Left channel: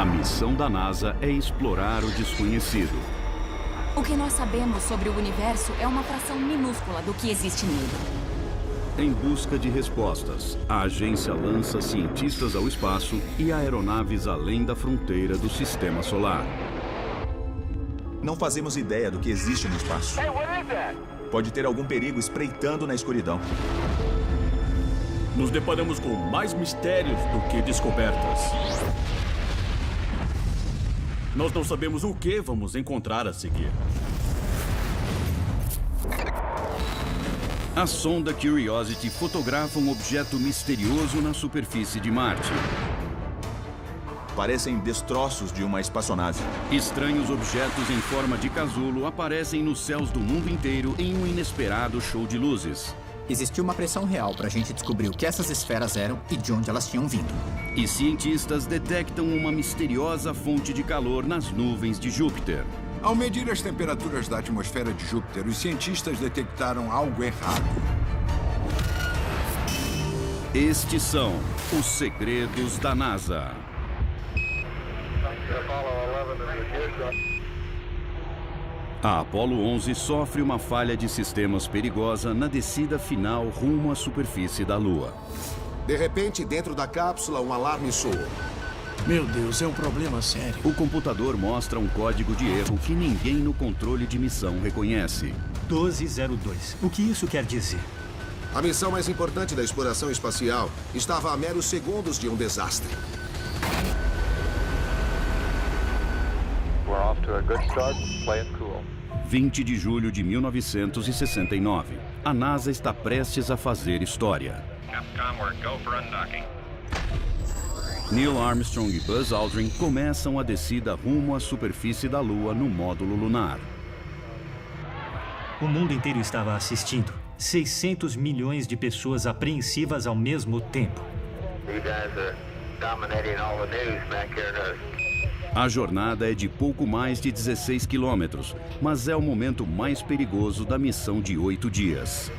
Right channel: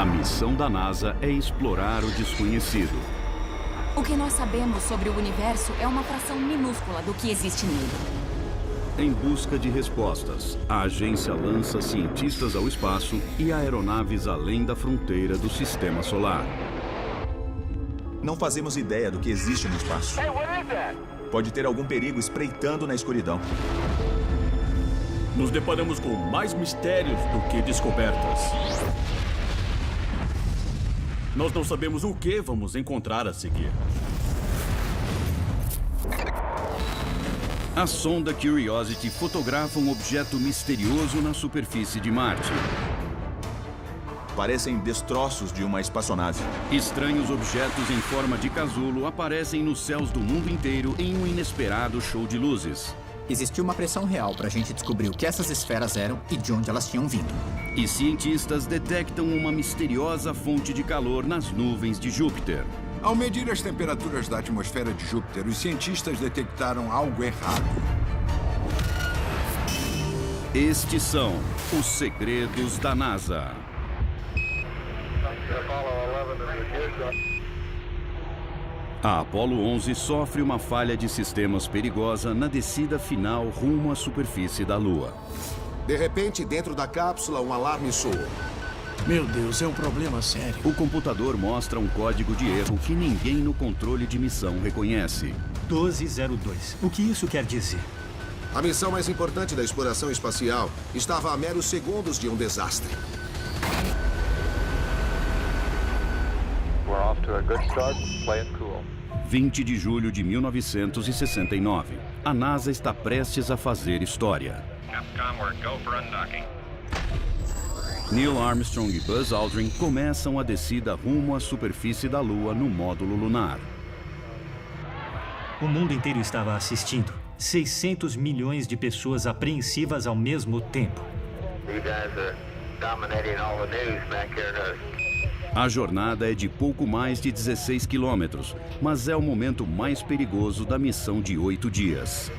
A missão da NASA é explorar o desconhecido. O que nós sabemos sobre o universo é uma fração minúscula do que existe nele. Em busca de respostas, a agência lança cientistas ao espaço e aeronaves além da fronteira do sistema solar. Não fazemos ideia do que existe no espaço. Pode ter algum perigo espreitando na escuridão. Nos deparamos com mais mistérios do que descobertas. Nós não sabemos o que vamos encontrar a seguir. A sonda Curiosity fotografa um objeto misterioso na superfície de Marte. Parecem destroços de uma espaçonave. Estranhos objetos em forma de casulo aparecem nos céus do mundo inteiro em um inesperado show de luzes. Existiu uma pressão real para a gente descobrir o que essas esferas eram e de onde elas tinham vindo. E cientistas detectam uma misteriosa fonte de calor nas nuvens de Júpiter. Ao medir as temperaturas da atmosfera de Júpiter, os cientistas detectaram algo errado. Estes são os segredos da NASA. A Apollo 11 sofre uma falha de sistemas perigosa na descida final rumo à superfície da Lua. De repente, dentro da cápsula, um alarme soou. Meu Deus, é um problema sério. O computador mostra um código de erro que ninguém no controle de missão reconhece. 1202. O que isso quer dizer? A missão mais importante da exploração espacial estava a meros segundos de um desastre. We're off to a good start. Play it cool. 20 de julho de 1969. A NASA está prestes a fazer história. Neil Armstrong e Buzz Aldrin começam a descida rumo à superfície da Lua no módulo lunar. O mundo inteiro estava assistindo. 600 milhões de pessoas apreensivas ao mesmo tempo. A jornada é de pouco mais de 16 quilômetros, mas é o momento mais perigoso da missão de 8 dias.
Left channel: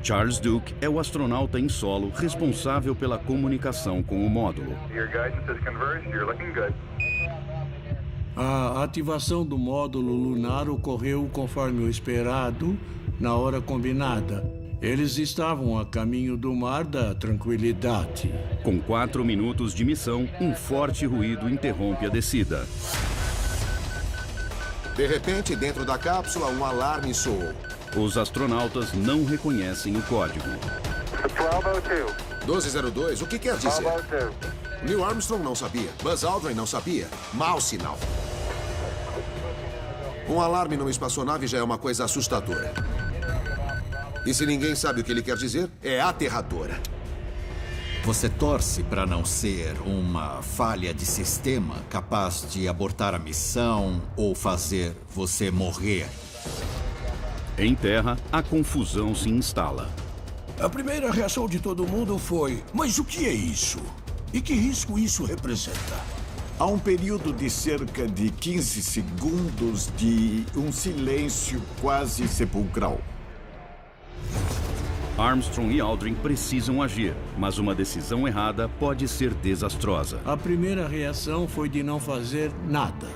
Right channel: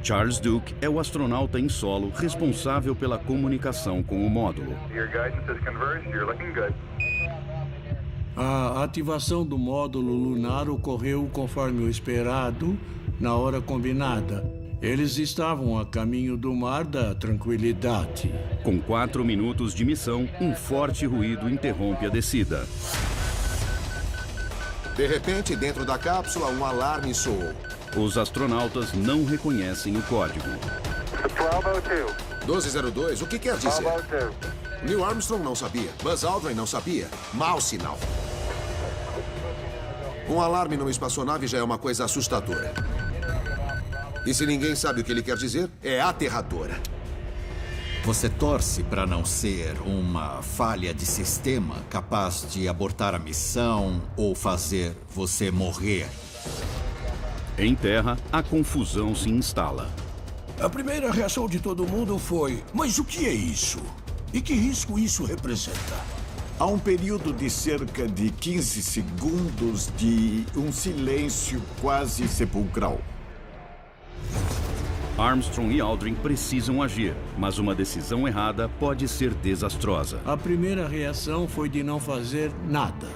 Charles Duke é o astronauta em solo responsável pela comunicação com o módulo. A ativação do módulo lunar ocorreu conforme o esperado, na hora combinada. Eles estavam a caminho do Mar da Tranquilidade. Com 4 minutos de missão, um forte ruído interrompe a descida. De repente, dentro da cápsula, um alarme soou. Os astronautas não reconhecem o código. 1202, o que quer dizer? Neil Armstrong não sabia. Buzz Aldrin não sabia. Mau sinal. Um alarme numa espaçonave já é uma coisa assustadora. E se ninguém sabe o que ele quer dizer, é aterradora. Você torce para não ser uma falha de sistema capaz de abortar a missão ou fazer você morrer. Em terra, a confusão se instala. A primeira reação de todo mundo foi: mas o que é isso? E que risco isso representa? Há um período de cerca de 15 segundos de um silêncio quase sepulcral. Armstrong e Aldrin precisam agir, mas uma decisão errada pode ser desastrosa. A primeira reação foi de não fazer nada.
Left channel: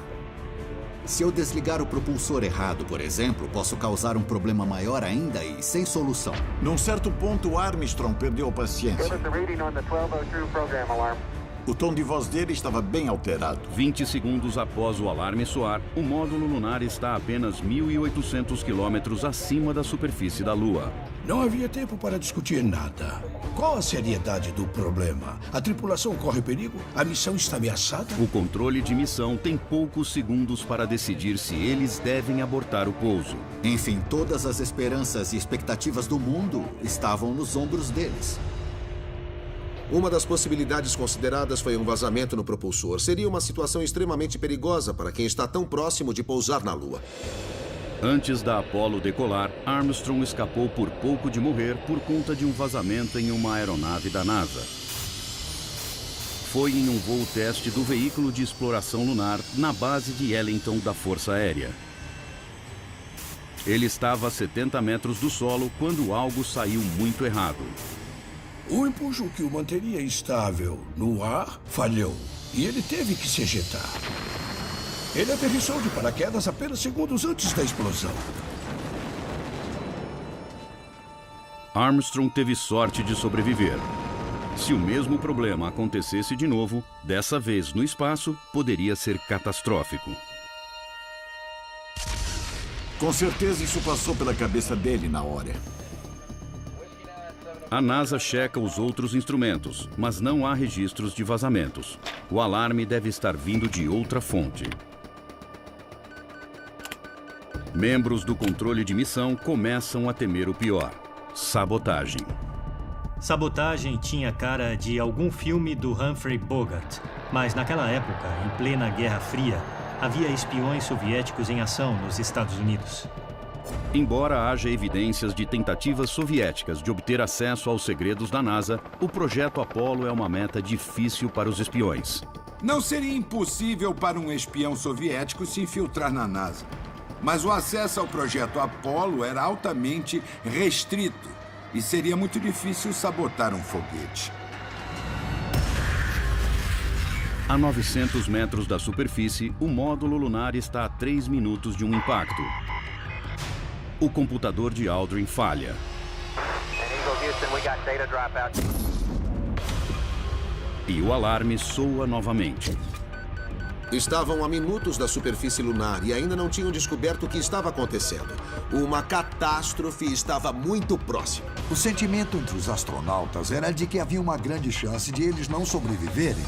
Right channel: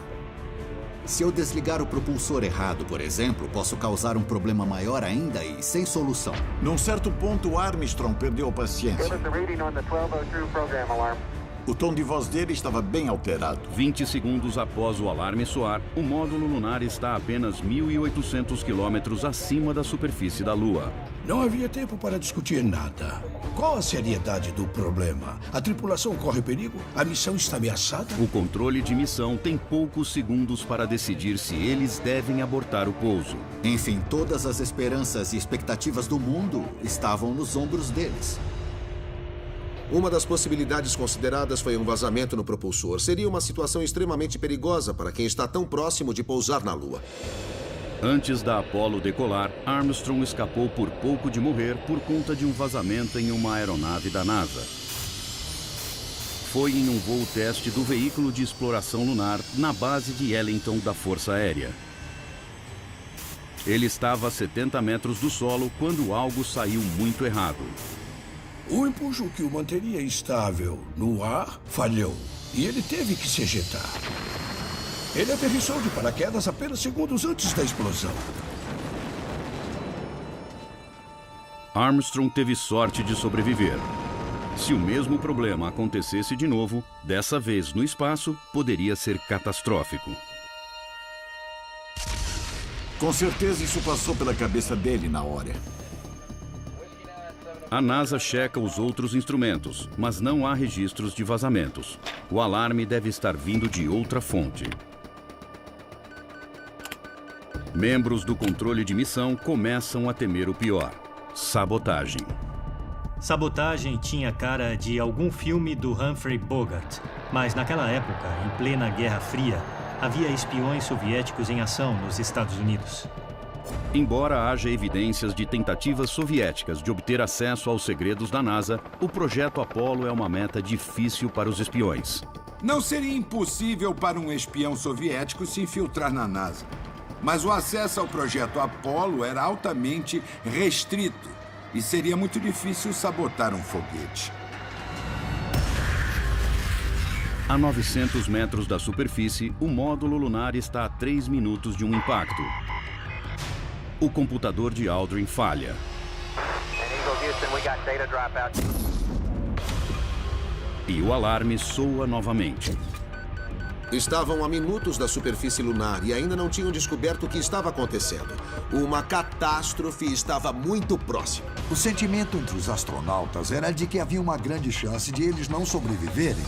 Se eu desligar o propulsor errado, por exemplo, posso causar um problema maior ainda e sem solução. Num certo ponto, Armstrong perdeu a paciência. O tom de voz dele estava bem alterado. 20 segundos após o alarme soar, o módulo lunar está a apenas 1.800 quilômetros acima da superfície da Lua. Não havia tempo para discutir nada. Qual a seriedade do problema? A tripulação corre perigo? A missão está ameaçada? O controle de missão tem poucos segundos para decidir se eles devem abortar o pouso. Enfim, todas as esperanças e expectativas do mundo estavam nos ombros deles. Uma das possibilidades consideradas foi um vazamento no propulsor. Seria uma situação extremamente perigosa para quem está tão próximo de pousar na Lua. Antes da Apollo decolar, Armstrong escapou por pouco de morrer por conta de um vazamento em uma aeronave da NASA. Foi em um voo teste do veículo de exploração lunar na base de Ellington da Força Aérea. Ele estava a 70 metros do solo quando algo saiu muito errado. O impulso que o manteria estável no ar falhou. e ele teve que se ejetar. Ele aterrissou de paraquedas apenas segundos antes da explosão. Armstrong teve sorte de sobreviver. Se o mesmo problema acontecesse de novo, dessa vez no espaço, poderia ser catastrófico. Com certeza isso passou pela cabeça dele na hora. A NASA checa os outros instrumentos, mas não há registros de vazamentos. O alarme deve estar vindo de outra fonte. Membros do controle de missão começam a temer o pior: sabotagem. Sabotagem tinha cara de algum filme do Humphrey Bogart, mas naquela época, em plena Guerra Fria, havia espiões soviéticos em ação nos Estados Unidos. Embora haja evidências de tentativas soviéticas de obter acesso aos segredos da NASA, o projeto Apollo é uma meta difícil para os espiões. Não seria impossível para um espião soviético se infiltrar na NASA. Mas o acesso ao projeto Apollo era altamente restrito e seria muito difícil sabotar um foguete. A 900 metros da superfície, o módulo lunar está a 3 minutos de um impacto. O computador de Aldrin falha. E o alarme soa novamente. Estavam a minutos da superfície lunar e ainda não tinham descoberto o que estava acontecendo. Uma catástrofe estava muito próxima. O sentimento entre os astronautas era de que havia uma grande chance de eles não sobreviverem.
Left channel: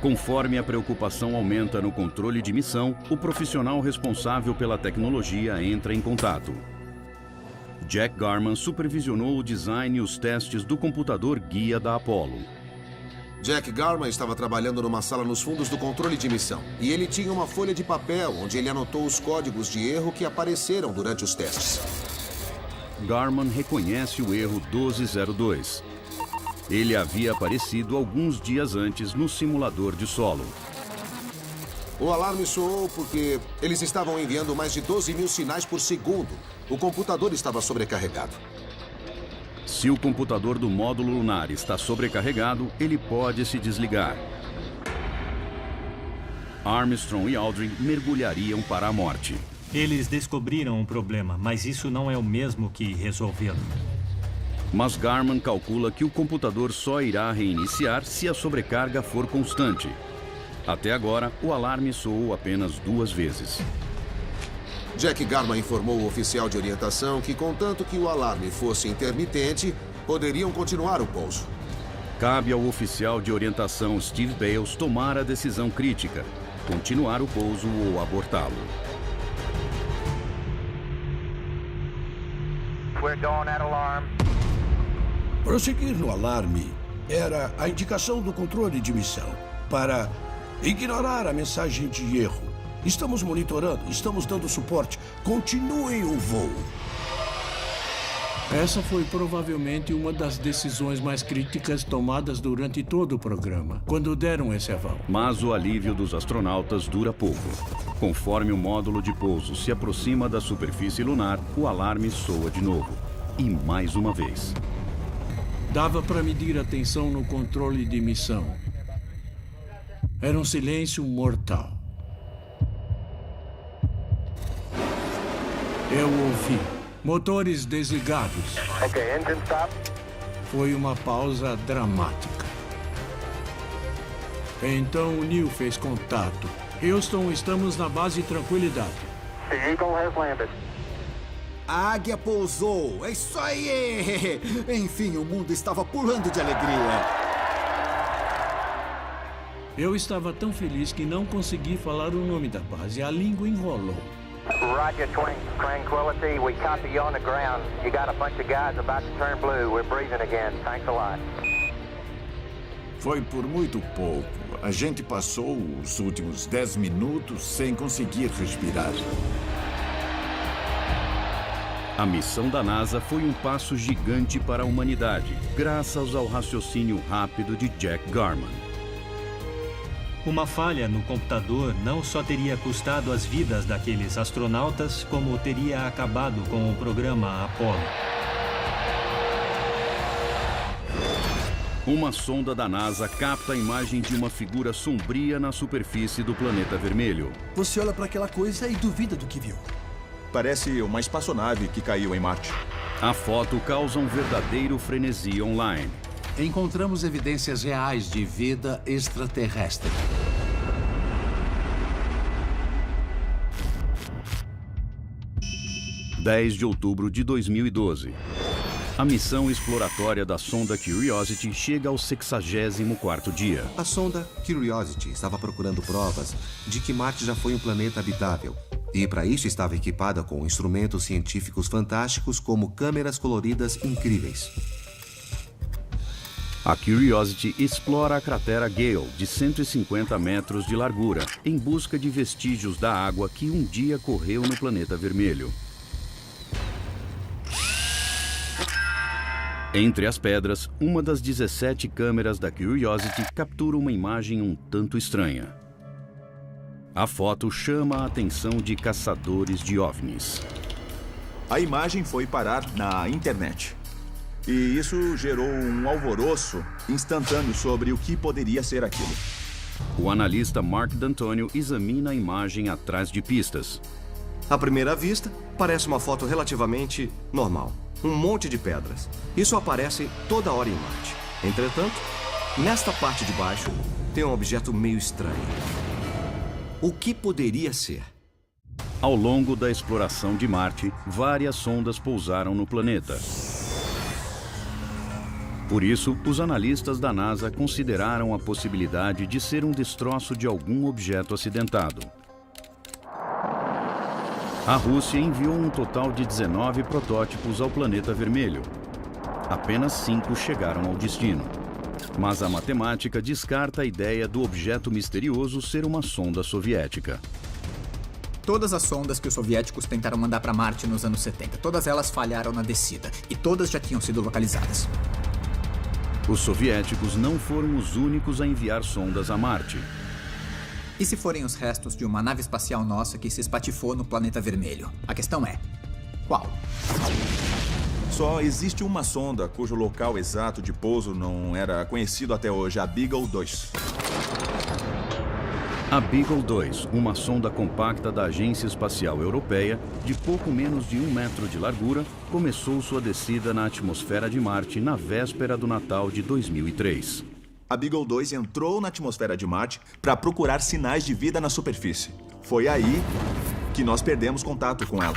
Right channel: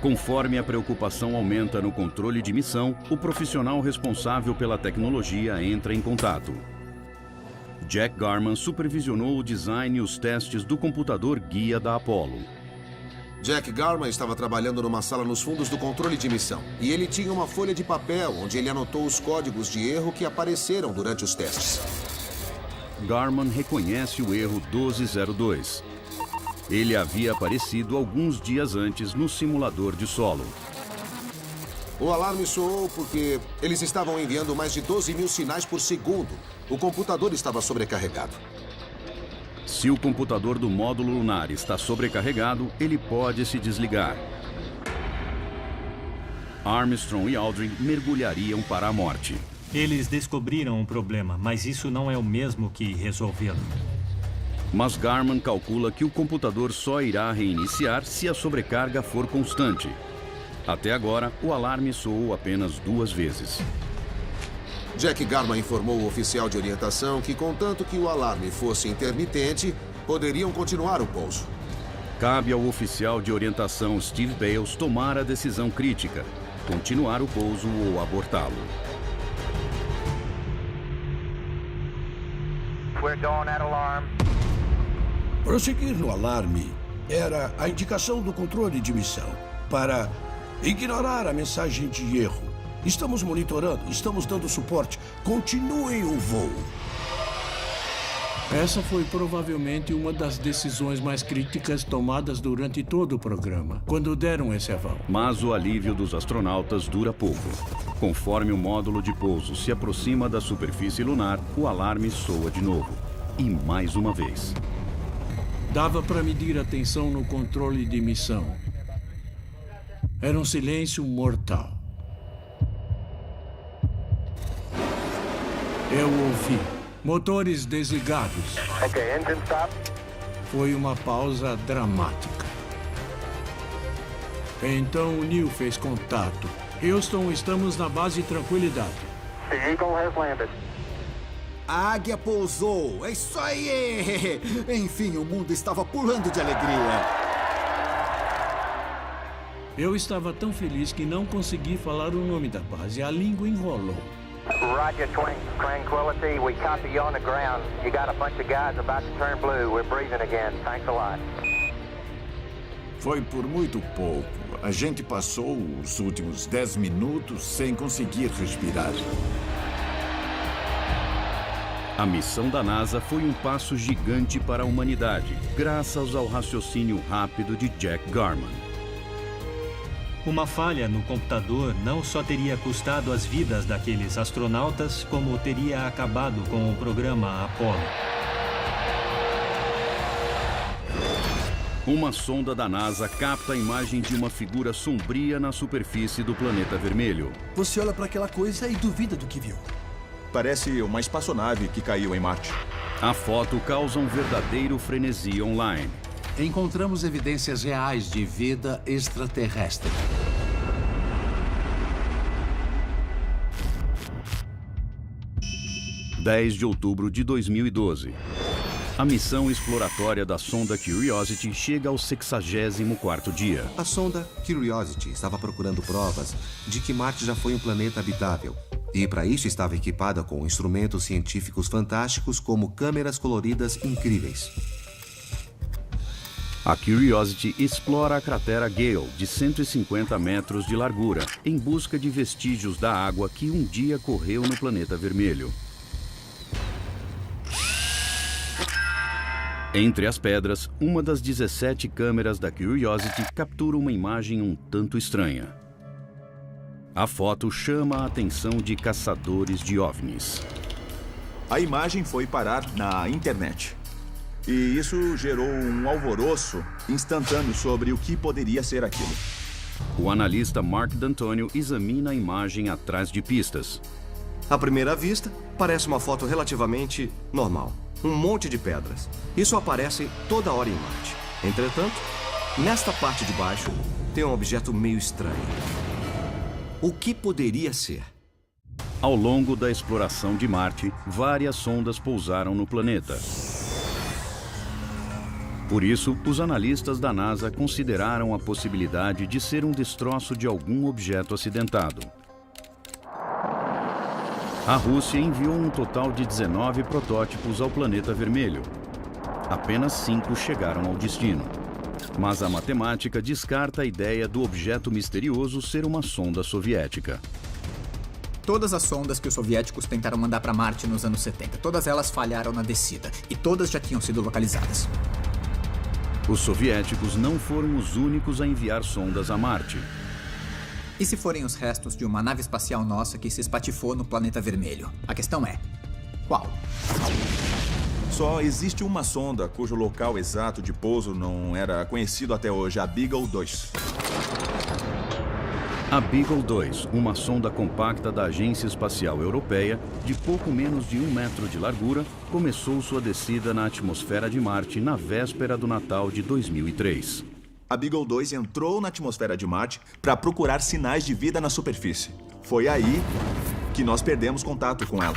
Conforme a preocupação aumenta no controle de missão, o profissional responsável pela tecnologia entra em contato. Jack Garman supervisionou o design e os testes do computador guia da Apollo. Jack Garman estava trabalhando numa sala nos fundos do controle de missão. E ele tinha uma folha de papel onde ele anotou os códigos de erro que apareceram durante os testes. Garman reconhece o erro 1202. Ele havia aparecido alguns dias antes no simulador de solo. O alarme soou porque eles estavam enviando mais de 12 mil sinais por segundo. O computador estava sobrecarregado. Se o computador do módulo lunar está sobrecarregado, ele pode se desligar. Armstrong e Aldrin mergulhariam para a morte. Eles descobriram um problema, mas isso não é o mesmo que resolvê-lo. Mas Garman calcula que o computador só irá reiniciar se a sobrecarga for constante. Até agora, o alarme soou apenas 2 vezes. Jack Garman informou o oficial de orientação que, contanto que o alarme fosse intermitente, poderiam continuar o pouso. Cabe ao oficial de orientação Steve Bales tomar a decisão crítica: continuar o pouso ou abortá-lo. We're going at alarm. Prosseguir no alarme era a indicação do controle de missão para ignorar a mensagem de erro. Estamos monitorando, estamos dando suporte. Continuem o voo. Essa foi provavelmente uma das decisões mais críticas tomadas durante todo o programa, quando deram esse aval. Mas o alívio dos astronautas dura pouco. Conforme o módulo de pouso se aproxima da superfície lunar, o alarme soa de novo. E mais uma vez. Dava para medir a tensão no controle de missão. Era um silêncio mortal. Eu ouvi motores desligados. Foi uma pausa dramática. Então o Neil fez contato. Houston, estamos na base Tranquilidade. The Eagle has landed. A águia pousou. É isso aí! Enfim, o mundo estava pulando de alegria. Eu estava tão feliz que não consegui falar o nome da base. A língua enrolou. Roger, Tranquility. We copy you on the ground. You got a bunch of guys about to turn blue. We're breathing again. Thanks a lot. Foi por muito pouco. A gente passou os últimos 10 minutos sem conseguir respirar. A missão da NASA foi um passo gigante para a humanidade, graças ao raciocínio rápido de Jack Garman. Uma falha no computador não só teria custado as vidas daqueles astronautas, como teria acabado com o programa Apollo. Uma sonda da NASA capta a imagem de uma figura sombria na superfície do planeta vermelho. Você olha para aquela coisa e duvida do que viu. Parece uma espaçonave que caiu em Marte. A foto causa um verdadeiro frenesi online. Encontramos evidências reais de vida extraterrestre. – 10 de outubro de 2012. A missão exploratória da sonda Curiosity chega ao 64º dia. A sonda Curiosity estava procurando provas de que Marte já foi um planeta habitável. E para isso estava equipada com instrumentos científicos fantásticos como câmeras coloridas incríveis. A Curiosity explora a cratera Gale, de 150 metros de largura, em busca de vestígios da água que um dia correu no planeta vermelho. Entre as pedras, uma das 17 câmeras da Curiosity captura uma imagem um tanto estranha. A foto chama a atenção de caçadores de OVNIs. A imagem foi parar na internet. E isso gerou um alvoroço instantâneo sobre o que poderia ser aquilo. O analista Mark D'Antonio examina a imagem atrás de pistas. À primeira vista, parece uma foto relativamente normal. Um monte de pedras. Isso aparece toda hora em Marte. Entretanto, nesta parte de baixo, tem um objeto meio estranho. O que poderia ser? Ao longo da exploração de Marte, várias sondas pousaram no planeta. Por isso, os analistas da NASA consideraram a possibilidade de ser um destroço de algum objeto acidentado. A Rússia enviou um total de 19 protótipos ao planeta vermelho. Apenas 5 chegaram ao destino. Mas a matemática descarta a ideia do objeto misterioso ser uma sonda soviética. Todas as sondas que os soviéticos tentaram mandar para Marte nos anos 70, todas elas falharam na descida. E todas já tinham sido localizadas. Os soviéticos não foram os únicos a enviar sondas a Marte. E se forem os restos de uma nave espacial nossa que se espatifou no planeta vermelho? A questão é, qual? Só existe uma sonda cujo local exato de pouso não era conhecido até hoje, a Beagle 2. A Beagle 2, uma sonda compacta da Agência Espacial Europeia, de pouco menos de 1 metro de largura, começou sua descida na atmosfera de Marte na véspera do Natal de 2003. A Beagle 2 entrou na atmosfera de Marte para procurar sinais de vida na superfície. Foi aí que nós perdemos contato com ela.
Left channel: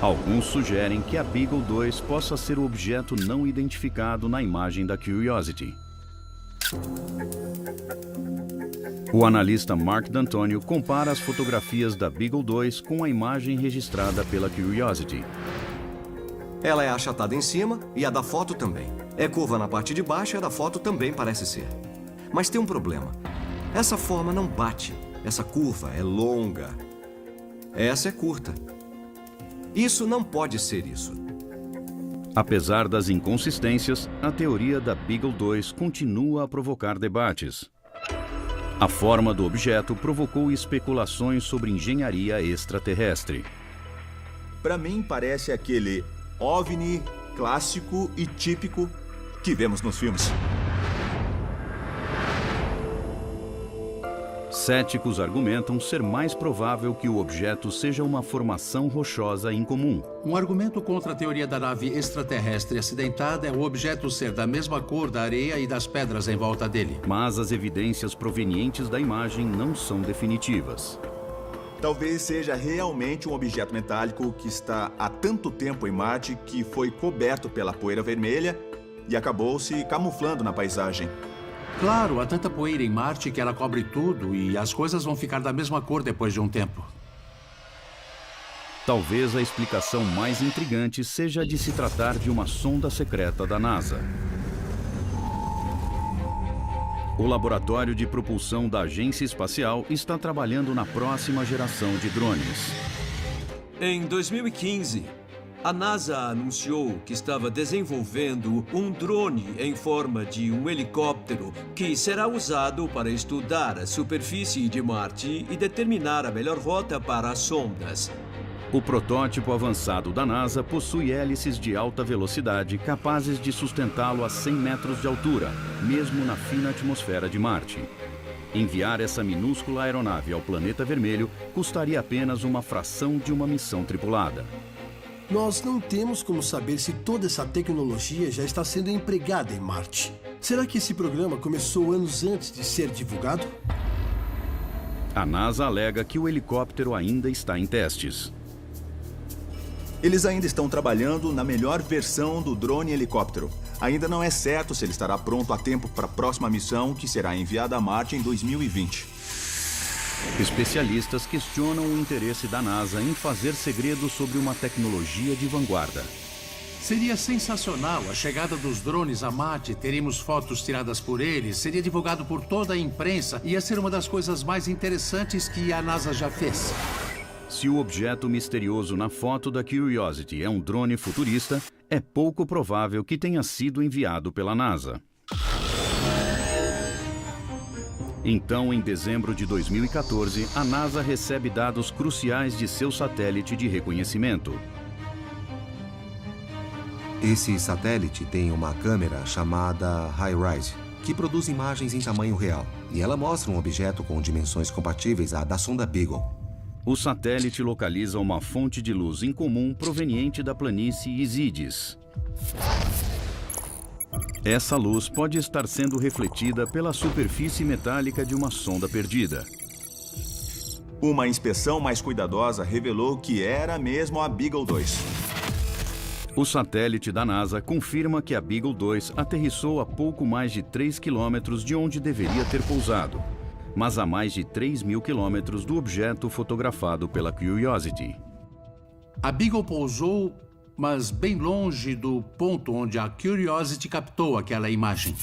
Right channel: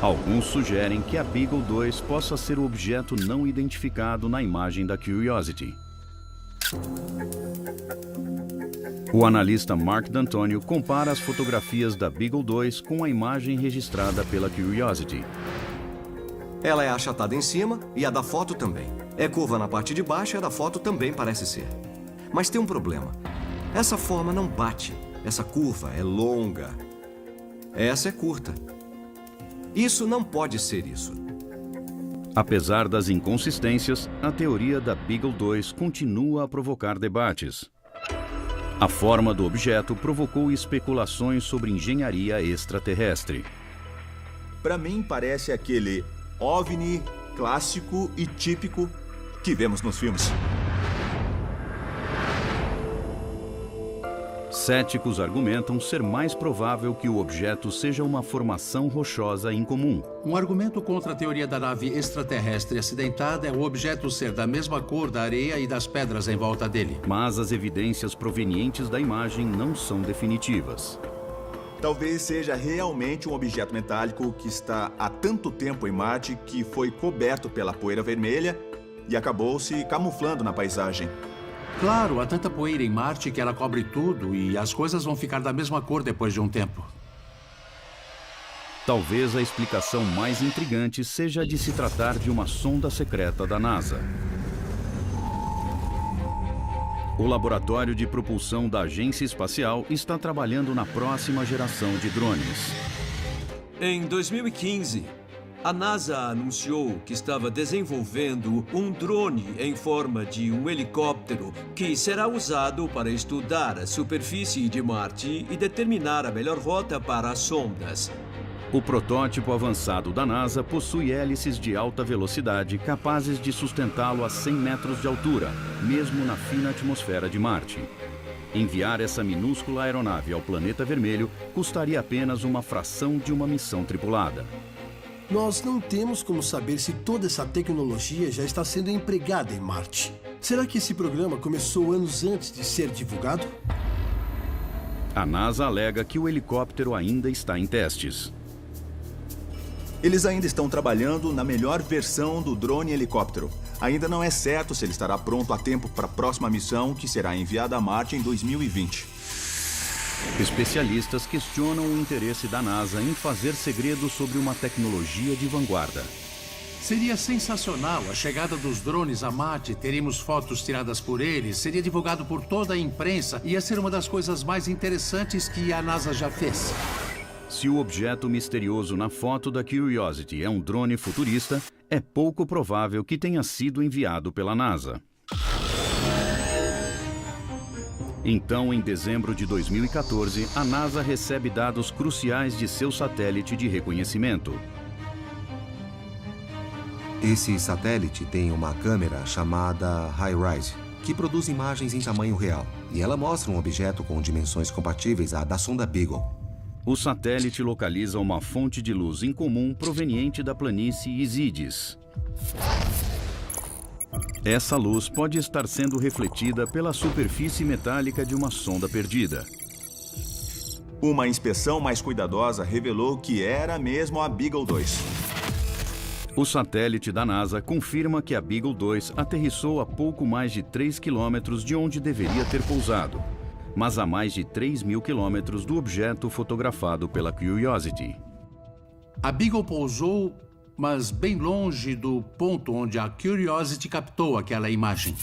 Alguns sugerem que a Beagle 2 possa ser o objeto não identificado na imagem da Curiosity. O analista Mark D'Antonio compara as fotografias da Beagle 2 com a imagem registrada pela Curiosity. Ela é achatada em cima e a da foto também. É curva na parte de baixo e a da foto também parece ser. Mas tem um problema. Essa forma não bate. Essa curva é longa. Essa é curta. Isso não pode ser isso. Apesar das inconsistências, a teoria da Beagle 2 continua a provocar debates. A forma do objeto provocou especulações sobre engenharia extraterrestre. Para mim, parece aquele OVNI clássico e típico que vemos nos filmes. Céticos argumentam ser mais provável que o objeto seja uma formação rochosa incomum. Um argumento contra a teoria da nave extraterrestre acidentada é o objeto ser da mesma cor da areia e das pedras em volta dele. Mas as evidências provenientes da imagem não são definitivas. Talvez seja realmente um objeto metálico que está há tanto tempo em Marte que foi coberto pela poeira vermelha e acabou se camuflando na paisagem. Claro, há tanta poeira em Marte que ela cobre tudo e as coisas vão ficar da mesma cor depois de um tempo. Talvez a explicação mais intrigante seja a de se tratar de uma sonda secreta da NASA. O laboratório de propulsão da Agência Espacial está trabalhando na próxima geração de drones. Em 2015, a NASA anunciou que estava desenvolvendo um drone em forma de um helicóptero que será usado para estudar a superfície de Marte e determinar a melhor rota para as sondas. O protótipo avançado da NASA possui hélices de alta velocidade capazes de sustentá-lo a 100 metros de altura, mesmo na fina atmosfera de Marte. Enviar essa minúscula aeronave ao planeta vermelho custaria apenas uma fração de uma missão tripulada. Nós não temos como saber se toda essa tecnologia já está sendo empregada em Marte. Será que esse programa começou anos antes de ser divulgado? A NASA alega que o helicóptero ainda está em testes. Eles ainda estão trabalhando na melhor versão do drone helicóptero. Ainda não é certo se ele estará pronto a tempo para a próxima missão, que será enviada a Marte em 2020. Especialistas questionam o interesse da NASA em fazer segredo sobre uma tecnologia de vanguarda. Seria sensacional a chegada dos drones a Marte, teríamos fotos tiradas por eles, seria divulgado por toda a imprensa, ia ser uma das coisas mais interessantes que a NASA já fez. Se o objeto misterioso na foto da Curiosity é um drone futurista, é pouco provável que tenha sido enviado pela NASA. Então, em dezembro de 2014, a NASA recebe dados cruciais de seu satélite de reconhecimento. Esse satélite tem uma câmera chamada HiRISE, que produz imagens em tamanho real. E ela mostra um objeto com dimensões compatíveis à da sonda Beagle. O satélite localiza uma fonte de luz incomum proveniente da planície Isidis. Essa luz pode estar sendo refletida pela superfície metálica de uma sonda perdida. Uma inspeção mais cuidadosa revelou que era mesmo a Beagle 2. O satélite da NASA confirma que a Beagle 2 aterrissou a pouco mais de 3 quilômetros de onde deveria ter pousado, mas a mais de 3.000 quilômetros do objeto fotografado pela Curiosity. A Beagle pousou, mas bem longe do ponto onde a Curiosity captou aquela imagem.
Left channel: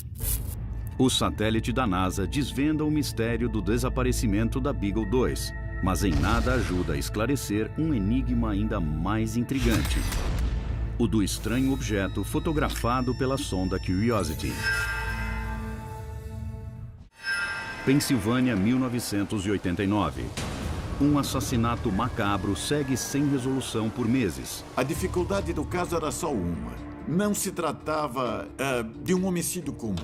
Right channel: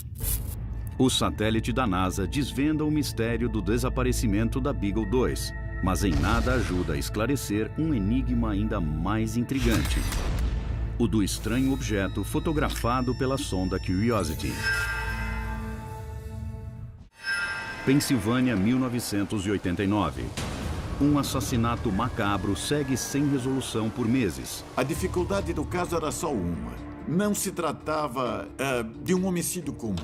O satélite da NASA desvenda o mistério do desaparecimento da Beagle 2, mas em nada ajuda a esclarecer um enigma ainda mais intrigante: o do estranho objeto fotografado pela sonda Curiosity. Pensilvânia, 1989. Um assassinato macabro segue sem resolução por meses. A dificuldade do caso era só uma. Não se tratava de um homicídio comum.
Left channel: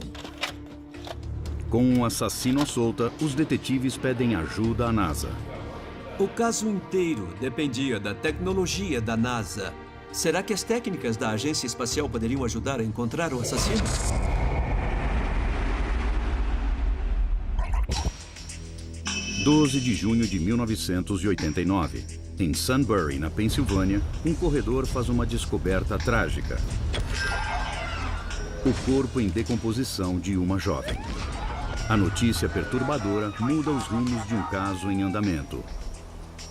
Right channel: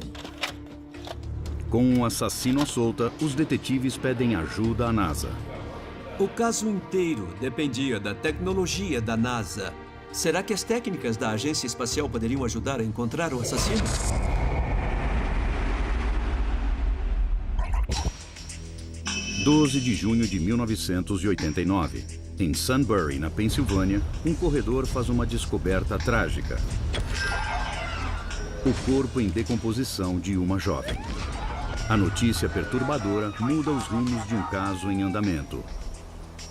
Com um assassino à solta, os detetives pedem ajuda à NASA. O caso inteiro dependia da tecnologia da NASA. Será que as técnicas da agência espacial poderiam ajudar a encontrar o assassino? – 12 de junho de 1989. Em Sunbury, na Pensilvânia, um corredor faz uma descoberta trágica. O corpo em decomposição de uma jovem. A notícia perturbadora muda os rumos de um caso em andamento.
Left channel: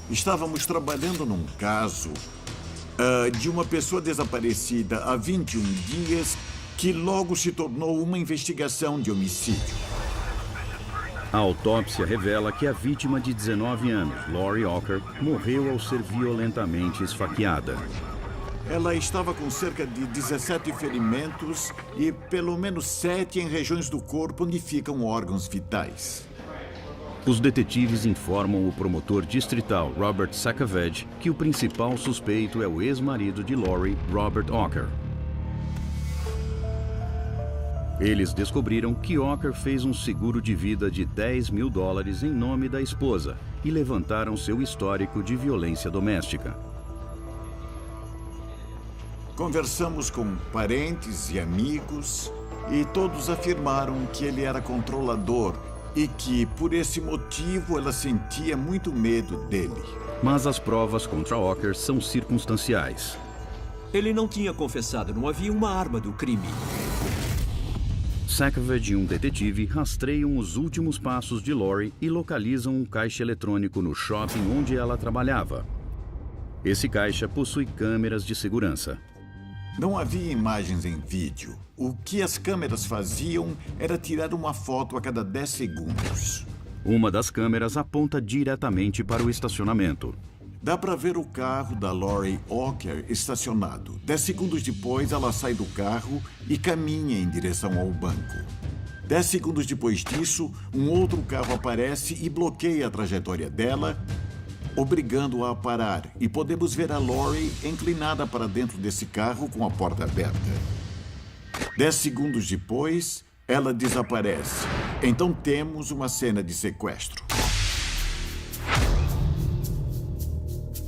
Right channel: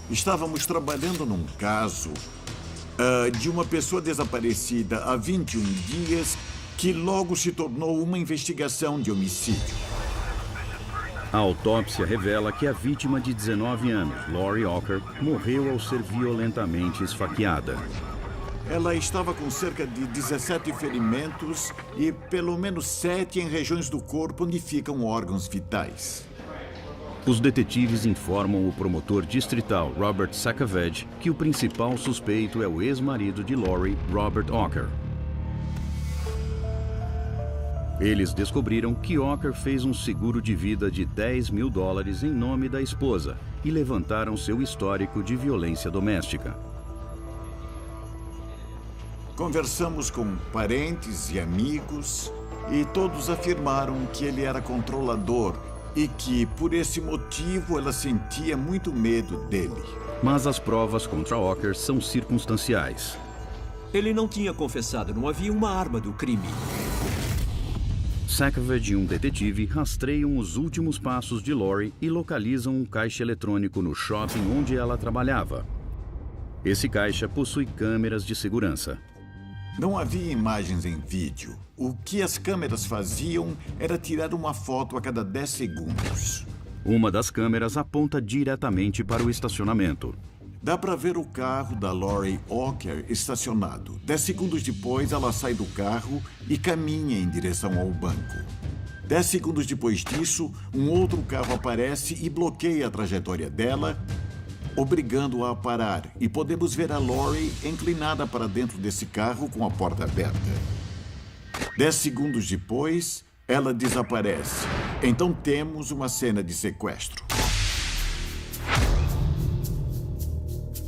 Estávamos trabalhando num caso de uma pessoa desaparecida há 21 dias que logo se tornou uma investigação de homicídio. A autópsia revela que a vítima de 19 anos, Lori Walker, morreu ao ser violentamente esfaqueada. Ela estava com cerca de 17 ferimentos e pelo menos 7 em regiões do corpo onde ficam órgãos vitais. Os detetives informam o promotor distrital Robert Sacavage que o principal suspeito é o ex-marido de Lori, Robert Walker. Eles descobriram que Walker fez um seguro de vida de $10.000 em nome da esposa e levantaram seu histórico de violência doméstica. Conversamos com parentes e amigos e todos afirmaram que ele era controlador e que, por esse motivo, ela sentia muito medo dele. Mas as provas contra Walker são circunstanciais. Ele não tinha confessado, não havia uma arma do crime. Sacavage e um detetive rastreiam os últimos passos de Lori e localizam um caixa eletrônico no shopping onde ela trabalhava. Esse caixa possui câmeras de segurança. Não havia imagens em vídeo. O que as câmeras faziam era tirar uma foto a cada 10 segundos. Uma das câmeras aponta diretamente para o estacionamento. Dá para ver o carro da Lori Walker estacionado. 10 segundos depois, ela sai do carro e caminha em direção ao banco. 10 segundos depois disso, um outro carro aparece e bloqueia a trajetória dela obrigando-a a parar. E podemos ver a Lori inclinada para dentro desse carro com a porta aberta. 10 segundos depois, ela desaparece. Então temos uma cena de sequestro.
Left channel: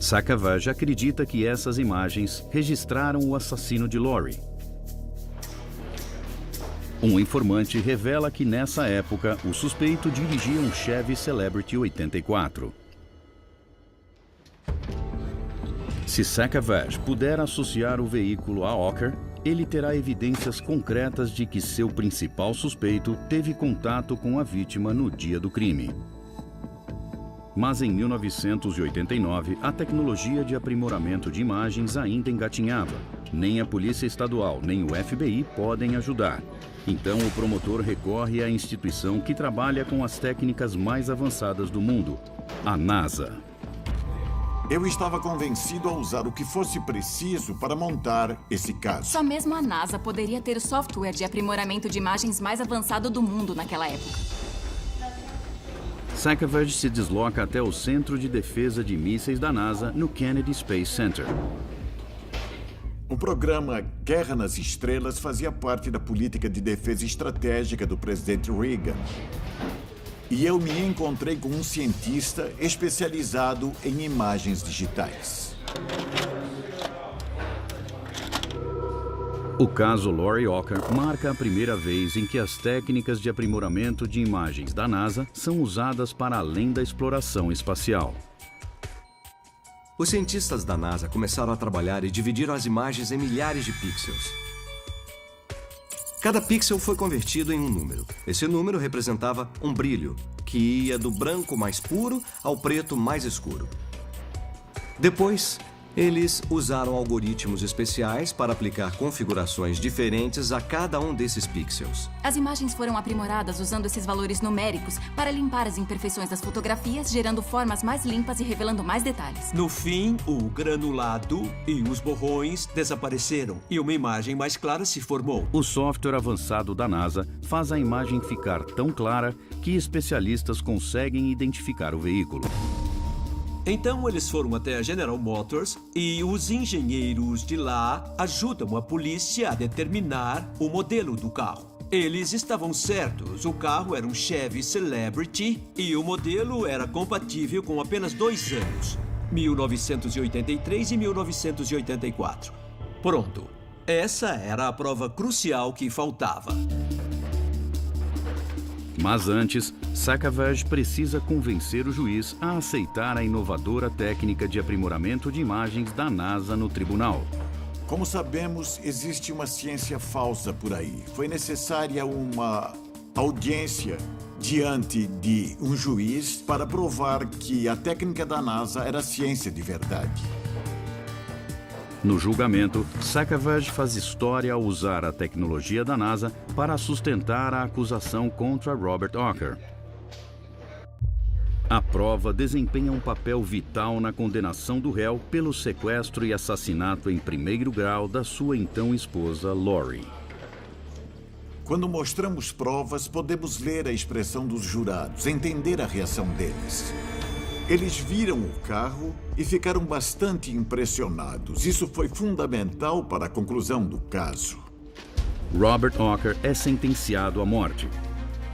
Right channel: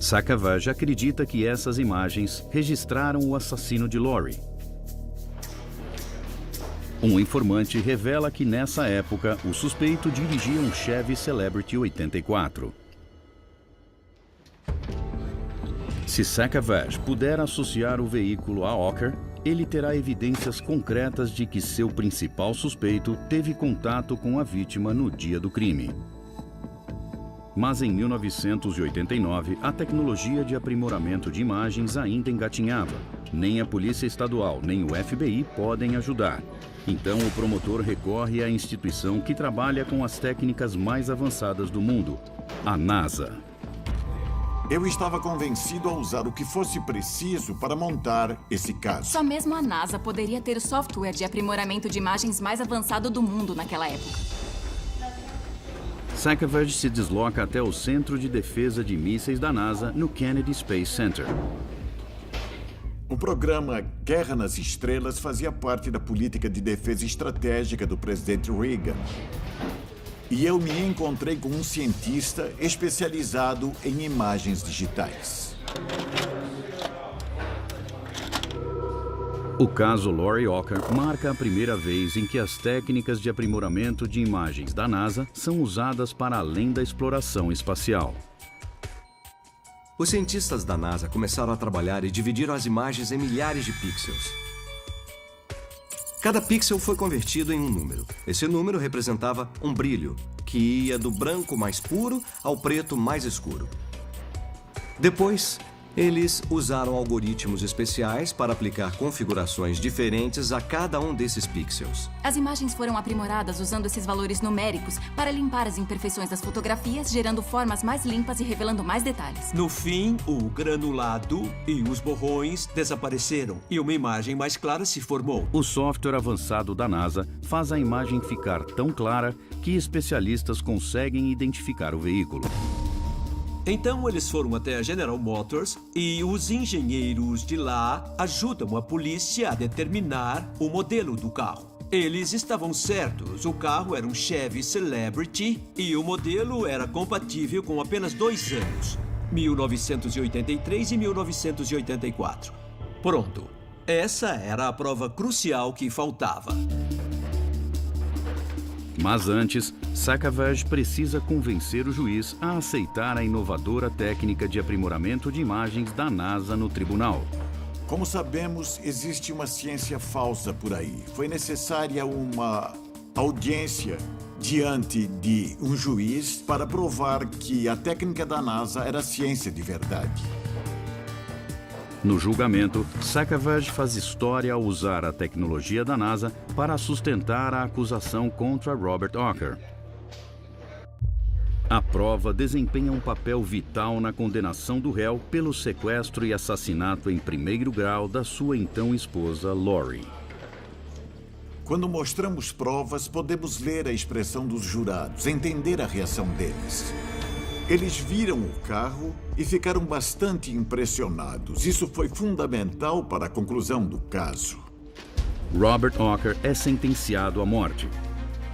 Sacavage acredita que essas imagens registraram o assassino de Lori. Um informante revela que nessa época o suspeito dirigia um Chevy Celebrity 84. Se Sacavage puder associar o veículo a Ocker, ele terá evidências concretas de que seu principal suspeito teve contato com a vítima no dia do crime. Mas em 1989, a tecnologia de aprimoramento de imagens ainda engatinhava. Nem a Polícia Estadual, nem o FBI podem ajudar. Então o promotor recorre à instituição que trabalha com as técnicas mais avançadas do mundo, a NASA. Eu estava convencido a usar o que fosse preciso para montar esse caso. Só mesmo a NASA poderia ter o software de aprimoramento de imagens mais avançado do mundo naquela época. Sacavage se desloca até o Centro de Defesa de Mísseis da NASA no Kennedy Space Center. O programa Guerra nas Estrelas fazia parte da política de defesa estratégica do presidente Reagan. E eu me encontrei com um cientista especializado em imagens digitais. O caso Lori Ocker marca a primeira vez em que as técnicas de aprimoramento de imagens da NASA são usadas para além da exploração espacial. Os cientistas da NASA começaram a trabalhar e dividiram as imagens em milhares de pixels. Cada pixel foi convertido em um número. Esse número representava um brilho, que ia do branco mais puro ao preto mais escuro. Depois, eles usaram algoritmos especiais para aplicar configurações diferentes a cada um desses pixels. As imagens foram aprimoradas usando esses valores numéricos para limpar as imperfeições das fotografias, gerando formas mais limpas e revelando mais detalhes. No fim, o granulado e os borrões desapareceram e uma imagem mais clara se formou. O software avançado da NASA faz a imagem ficar tão clara que especialistas conseguem identificar o veículo. Então eles foram até a General Motors e os engenheiros de lá ajudam a polícia a determinar o modelo do carro. Eles estavam certos, o carro era um Chevy Celebrity e o modelo era compatível com apenas 2 anos, 1983 e 1984. Pronto, essa era a prova crucial que faltava. Mas antes, Sacavage precisa convencer o juiz a aceitar a inovadora técnica de aprimoramento de imagens da NASA no tribunal. Como sabemos, existe uma ciência falsa por aí. Foi necessária uma audiência diante de um juiz para provar que a técnica da NASA era ciência de verdade. No julgamento, Sacavage faz história ao usar a tecnologia da NASA para sustentar a acusação contra Robert Ocker. A prova desempenha um papel vital na condenação do réu pelo sequestro e assassinato em primeiro grau da sua então esposa, Lori. Quando mostramos provas, podemos ler a expressão dos jurados, entender a reação deles. Eles viram o carro e ficaram bastante impressionados. Isso foi fundamental para a conclusão do caso. Robert Ocker é sentenciado à morte.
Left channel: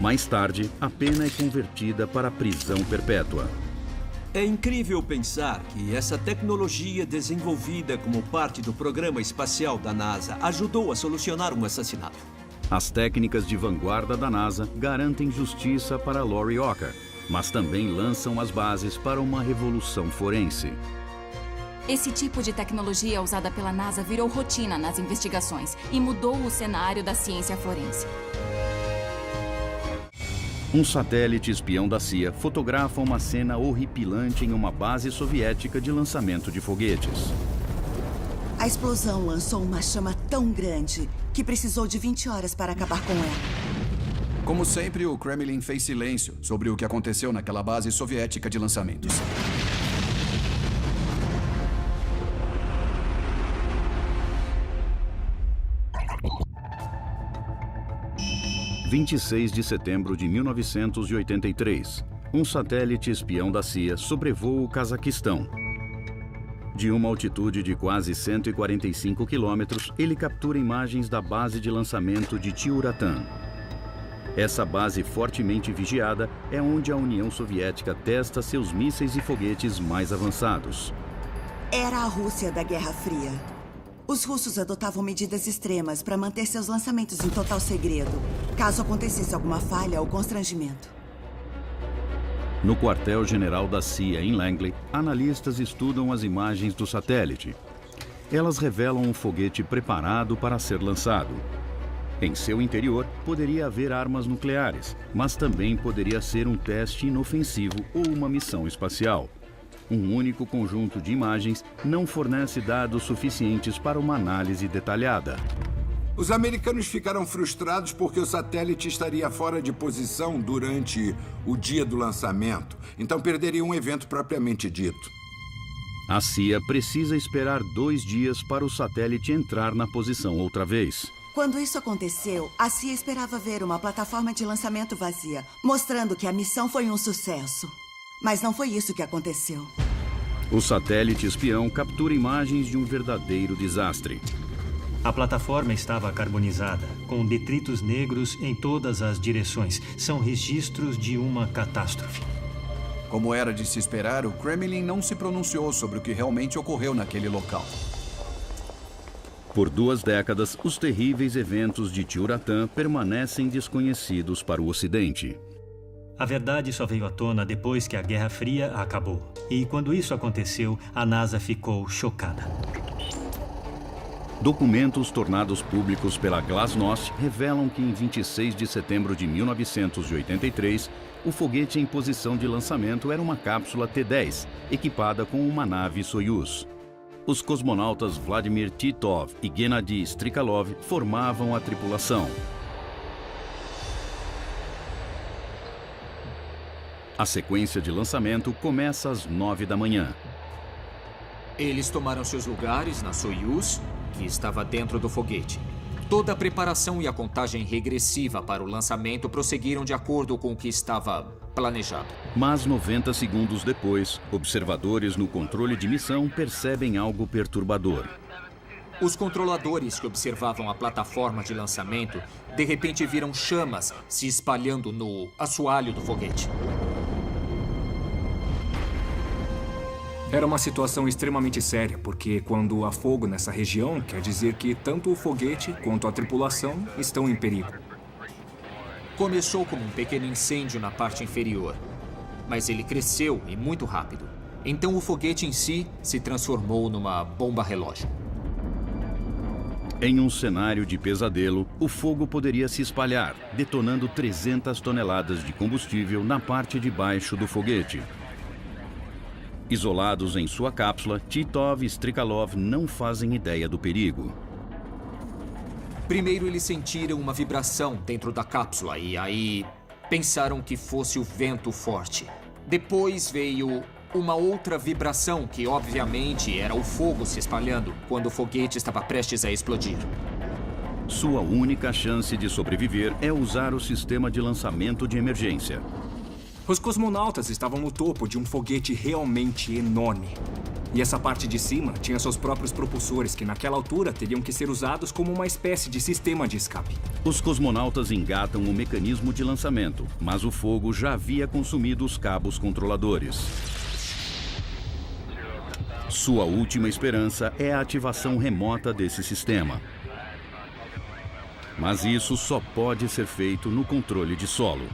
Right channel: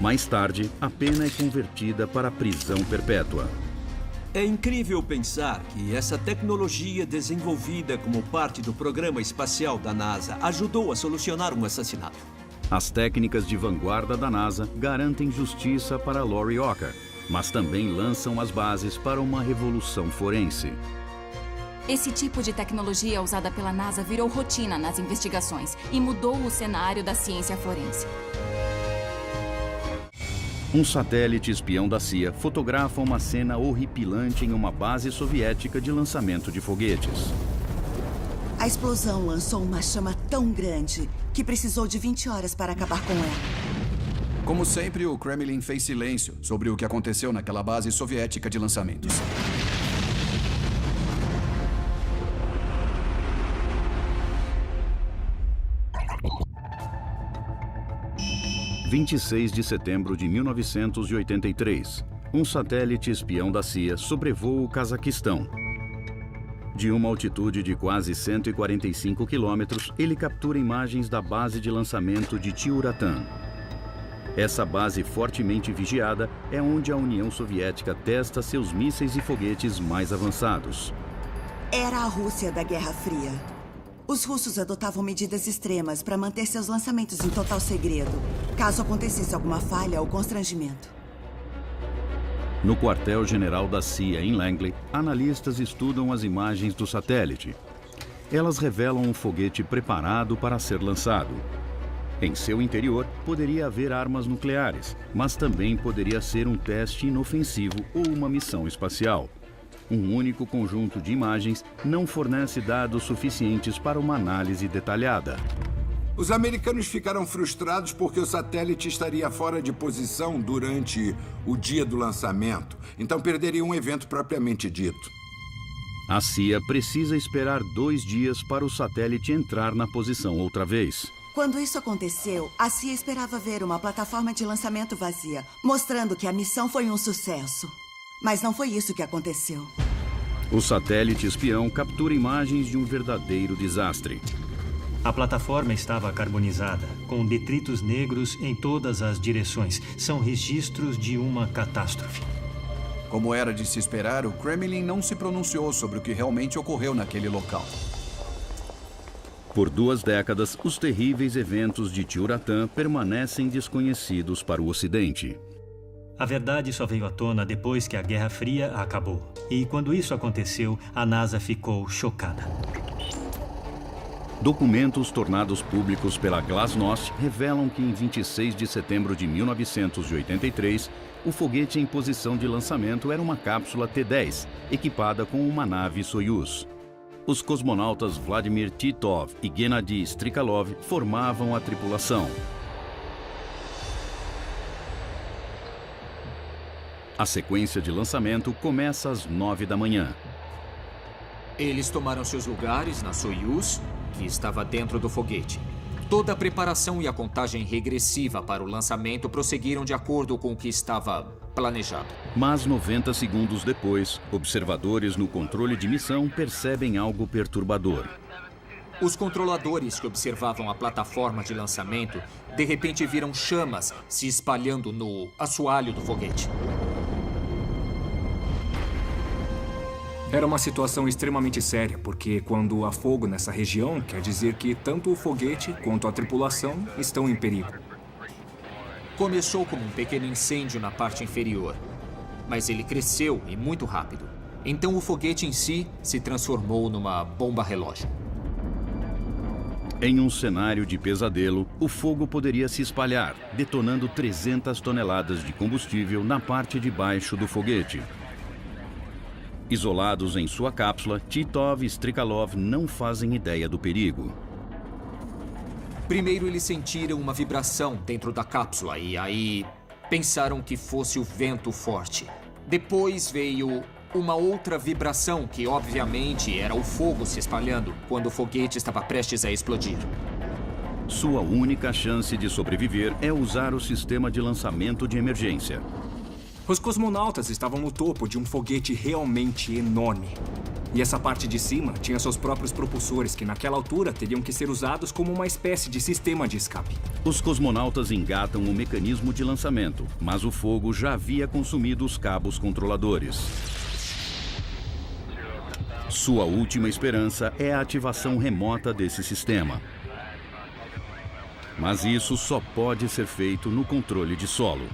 Mais tarde, a pena é convertida para prisão perpétua. É incrível pensar que essa tecnologia desenvolvida como parte do programa espacial da NASA ajudou a solucionar um assassinato. As técnicas de vanguarda da NASA garantem justiça para Lori Ocker, mas também lançam as bases para uma revolução forense. Esse tipo de tecnologia usada pela NASA virou rotina nas investigações e mudou o cenário da ciência forense. Um satélite espião da CIA fotografa uma cena horripilante em uma base soviética de lançamento de foguetes. A explosão lançou uma chama tão grande que precisou de 20 horas para acabar com ela. Como sempre, o Kremlin fez silêncio sobre o que aconteceu naquela base soviética de lançamentos. (26 de setembro de 1983). um satélite espião da CIA sobrevoa o Cazaquistão. De uma altitude de quase 145 quilômetros, ele captura imagens da base de lançamento de Tyuratam. Essa base fortemente vigiada é onde a União Soviética testa seus mísseis e foguetes mais avançados. Era a Rússia da Guerra Fria. Os russos adotavam medidas extremas para manter seus lançamentos em total segredo, caso acontecesse alguma falha ou constrangimento. No quartel-general da CIA em Langley, analistas estudam as imagens do satélite. Elas revelam um foguete preparado para ser lançado. Em seu interior, poderia haver armas nucleares, mas também poderia ser um teste inofensivo ou uma missão espacial. Um único conjunto de imagens não fornece dados suficientes para uma análise detalhada. Os americanos ficaram frustrados porque o satélite estaria fora de posição durante o dia do lançamento, então perderiam um evento propriamente dito. A CIA precisa esperar 2 dias para o satélite entrar na posição outra vez. Quando isso aconteceu, a CIA esperava ver uma plataforma de lançamento vazia, mostrando que a missão foi um sucesso. Mas não foi isso que aconteceu. O satélite espião captura imagens de um verdadeiro desastre. A plataforma estava carbonizada, com detritos negros em todas as direções. São registros de uma catástrofe. Como era de se esperar, o Kremlin não se pronunciou sobre o que realmente ocorreu naquele local. Por 2 décadas, os terríveis eventos de Tyuratam permanecem desconhecidos para o Ocidente. A verdade só veio à tona depois que a Guerra Fria acabou. E quando isso aconteceu, a NASA ficou chocada. Documentos tornados públicos pela Glasnost revelam que em 26 de setembro de 1983, o foguete em posição de lançamento era uma cápsula T-10, equipada com uma nave Soyuz. Os cosmonautas Vladimir Titov e Gennady Strikalov formavam a tripulação. A sequência de lançamento começa às 9 da manhã. Eles tomaram seus lugares na Soyuz, que estava dentro do foguete. Toda a preparação e a contagem regressiva para o lançamento prosseguiram de acordo com o que estava planejado. Mas 90 segundos depois, observadores no controle de missão percebem algo perturbador. Os controladores que observavam a plataforma de lançamento, de repente viram chamas se espalhando no assoalho do foguete. Era uma situação extremamente séria, porque quando há fogo nessa região, quer dizer que tanto o foguete quanto a tripulação estão em perigo. Começou como um pequeno incêndio na parte inferior, mas ele cresceu e muito rápido. Então o foguete em si se transformou numa bomba relógio. Em um cenário de pesadelo, o fogo poderia se espalhar, detonando 300 toneladas de combustível na parte de baixo do foguete. Isolados em sua cápsula, Titov e Strikalov não fazem ideia do perigo. Primeiro eles sentiram uma vibração dentro da cápsula e aí pensaram que fosse o vento forte. Depois veio uma outra vibração que obviamente era o fogo se espalhando quando o foguete estava prestes a explodir. Sua única chance de sobreviver é usar o sistema de lançamento de emergência. Os cosmonautas estavam no topo de um foguete realmente enorme. E essa parte de cima tinha seus próprios propulsores, que naquela altura teriam que ser usados como uma espécie de sistema de escape. Os cosmonautas engatam o mecanismo de lançamento, mas o fogo já havia consumido os cabos controladores. Sua última esperança é a ativação remota desse sistema. Mas isso só pode ser feito no controle de solo.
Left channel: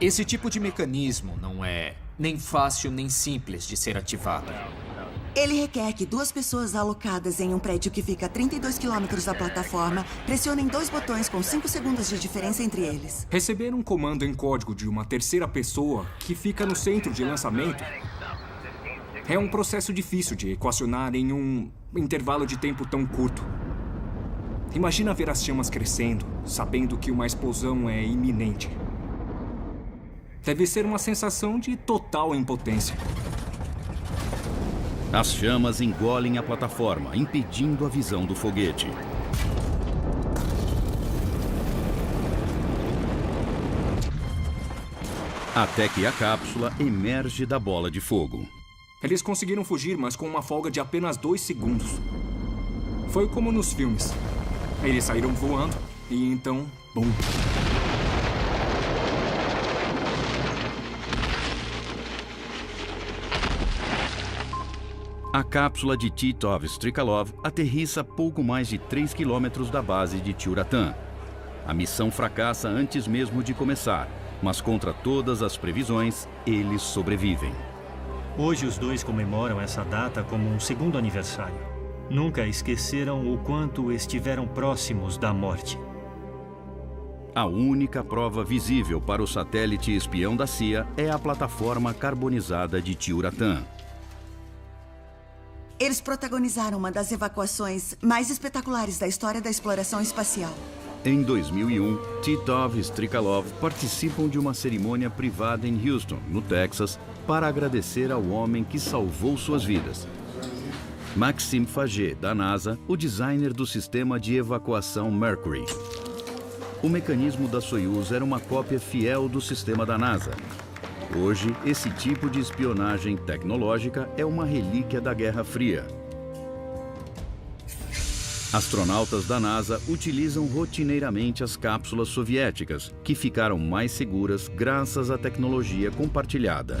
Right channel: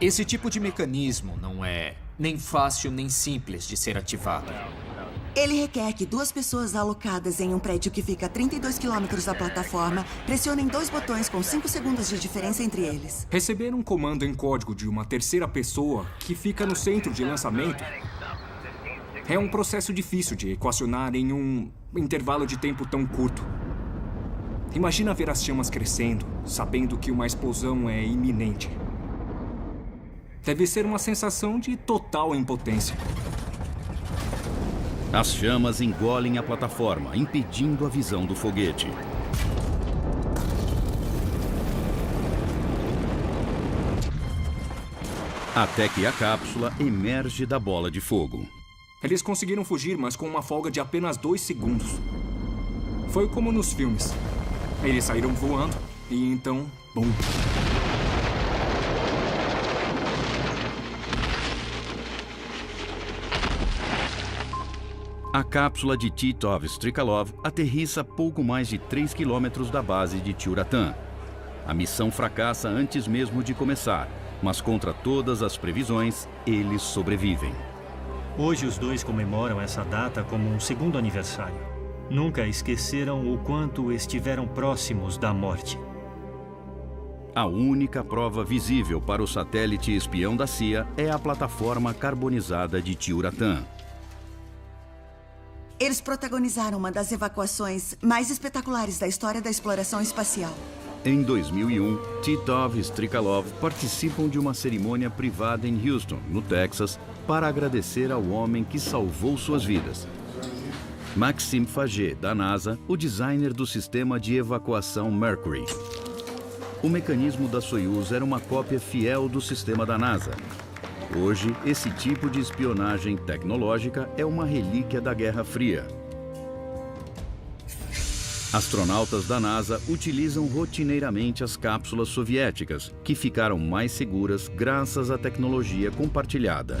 Esse tipo de mecanismo não é nem fácil nem simples de ser ativado. Ele requer que 2 pessoas alocadas em um prédio que fica a 32 quilômetros da plataforma pressionem 2 botões com 5 segundos de diferença entre eles. Receber um comando em código de uma terceira pessoa que fica no centro de lançamento é um processo difícil de equacionar em um intervalo de tempo tão curto. Imagina ver as chamas crescendo, sabendo que uma explosão é iminente. Deve ser uma sensação de total impotência. As chamas engolem a plataforma, impedindo a visão do foguete. Até que a cápsula emerge da bola de fogo. Eles conseguiram fugir, mas com uma folga de apenas 2 segundos. Foi como nos filmes. Eles saíram voando e então, bum. A cápsula de Titov Strikalov aterrissa a pouco mais de 3 quilômetros da base de Tyuratam. A missão fracassa antes mesmo de começar, mas contra todas as previsões, eles sobrevivem. Hoje os dois comemoram essa data como um segundo aniversário. Nunca esqueceram o quanto estiveram próximos da morte. A única prova visível para o satélite espião da CIA é a plataforma carbonizada de Tyuratam. Eles protagonizaram uma das evacuações mais espetaculares da história da exploração espacial. Em 2001, Titov e Strikalov participam de uma cerimônia privada em Houston, no Texas, para agradecer ao homem que salvou suas vidas. Maxime Faget, da NASA, o designer do sistema de evacuação Mercury. O mecanismo da Soyuz era uma cópia fiel do sistema da NASA. Hoje, esse tipo de espionagem tecnológica é uma relíquia da Guerra Fria. Astronautas da NASA utilizam rotineiramente as cápsulas soviéticas, que ficaram mais seguras graças à tecnologia compartilhada.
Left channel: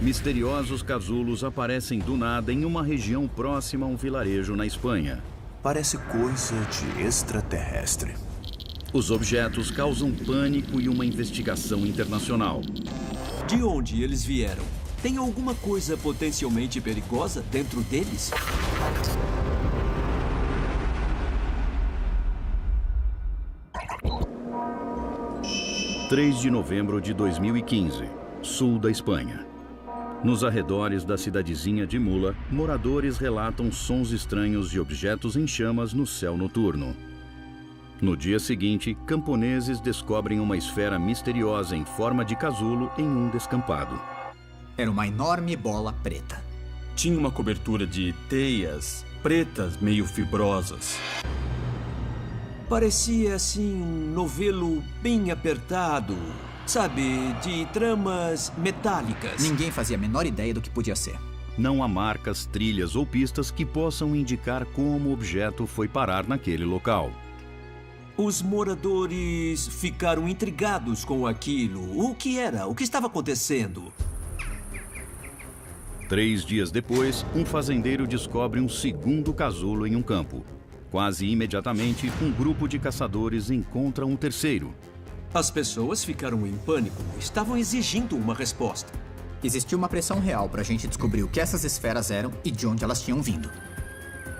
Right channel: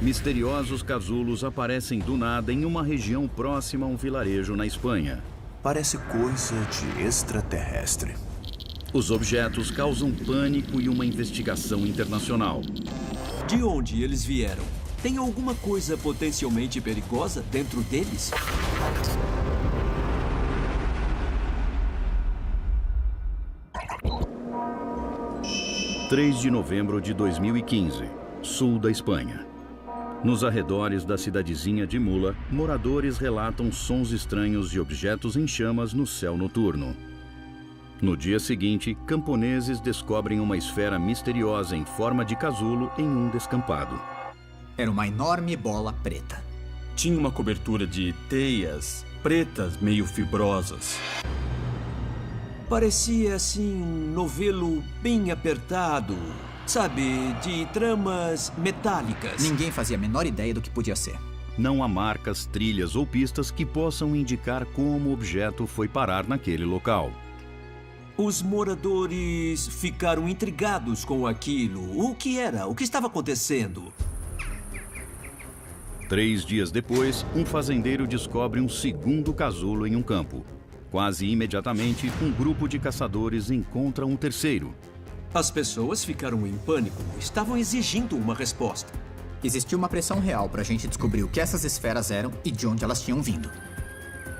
Misteriosos casulos aparecem do nada em uma região próxima a um vilarejo na Espanha. Parece coisa de extraterrestre. Os objetos causam pânico e uma investigação internacional. De onde eles vieram? Tem alguma coisa potencialmente perigosa dentro deles? – 3 de novembro de 2015, sul da Espanha. Nos arredores da cidadezinha de Mula, moradores relatam sons estranhos de objetos em chamas no céu noturno. No dia seguinte, camponeses descobrem uma esfera misteriosa em forma de casulo em um descampado. Era uma enorme bola preta. Tinha uma cobertura de teias pretas meio fibrosas. Parecia, assim, um novelo bem apertado. Sabe, de tramas metálicas. Ninguém fazia a menor ideia do que podia ser. Não há marcas, trilhas ou pistas que possam indicar como o objeto foi parar naquele local. Os moradores ficaram intrigados com aquilo. O que era? O que estava acontecendo? 3 dias depois, um fazendeiro descobre um segundo casulo em um campo. Quase imediatamente, um grupo de caçadores encontra um terceiro. As pessoas ficaram em pânico. Estavam exigindo uma resposta. Existia uma pressão real para a gente descobrir o que essas esferas eram e de onde elas tinham vindo.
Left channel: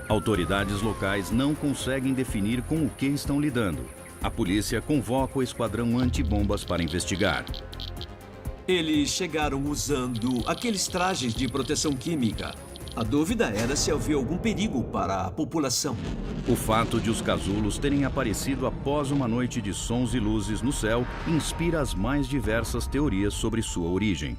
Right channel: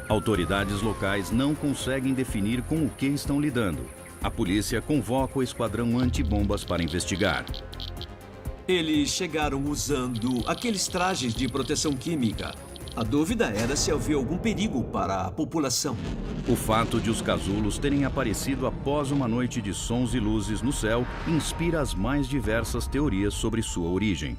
Autoridades locais não conseguem definir com o que estão lidando. A polícia convoca o esquadrão antibombas para investigar. Eles chegaram usando aqueles trajes de proteção química. A dúvida era se havia algum perigo para a população. O fato de os casulos terem aparecido após uma noite de sons e luzes no céu inspira as mais diversas teorias sobre sua origem.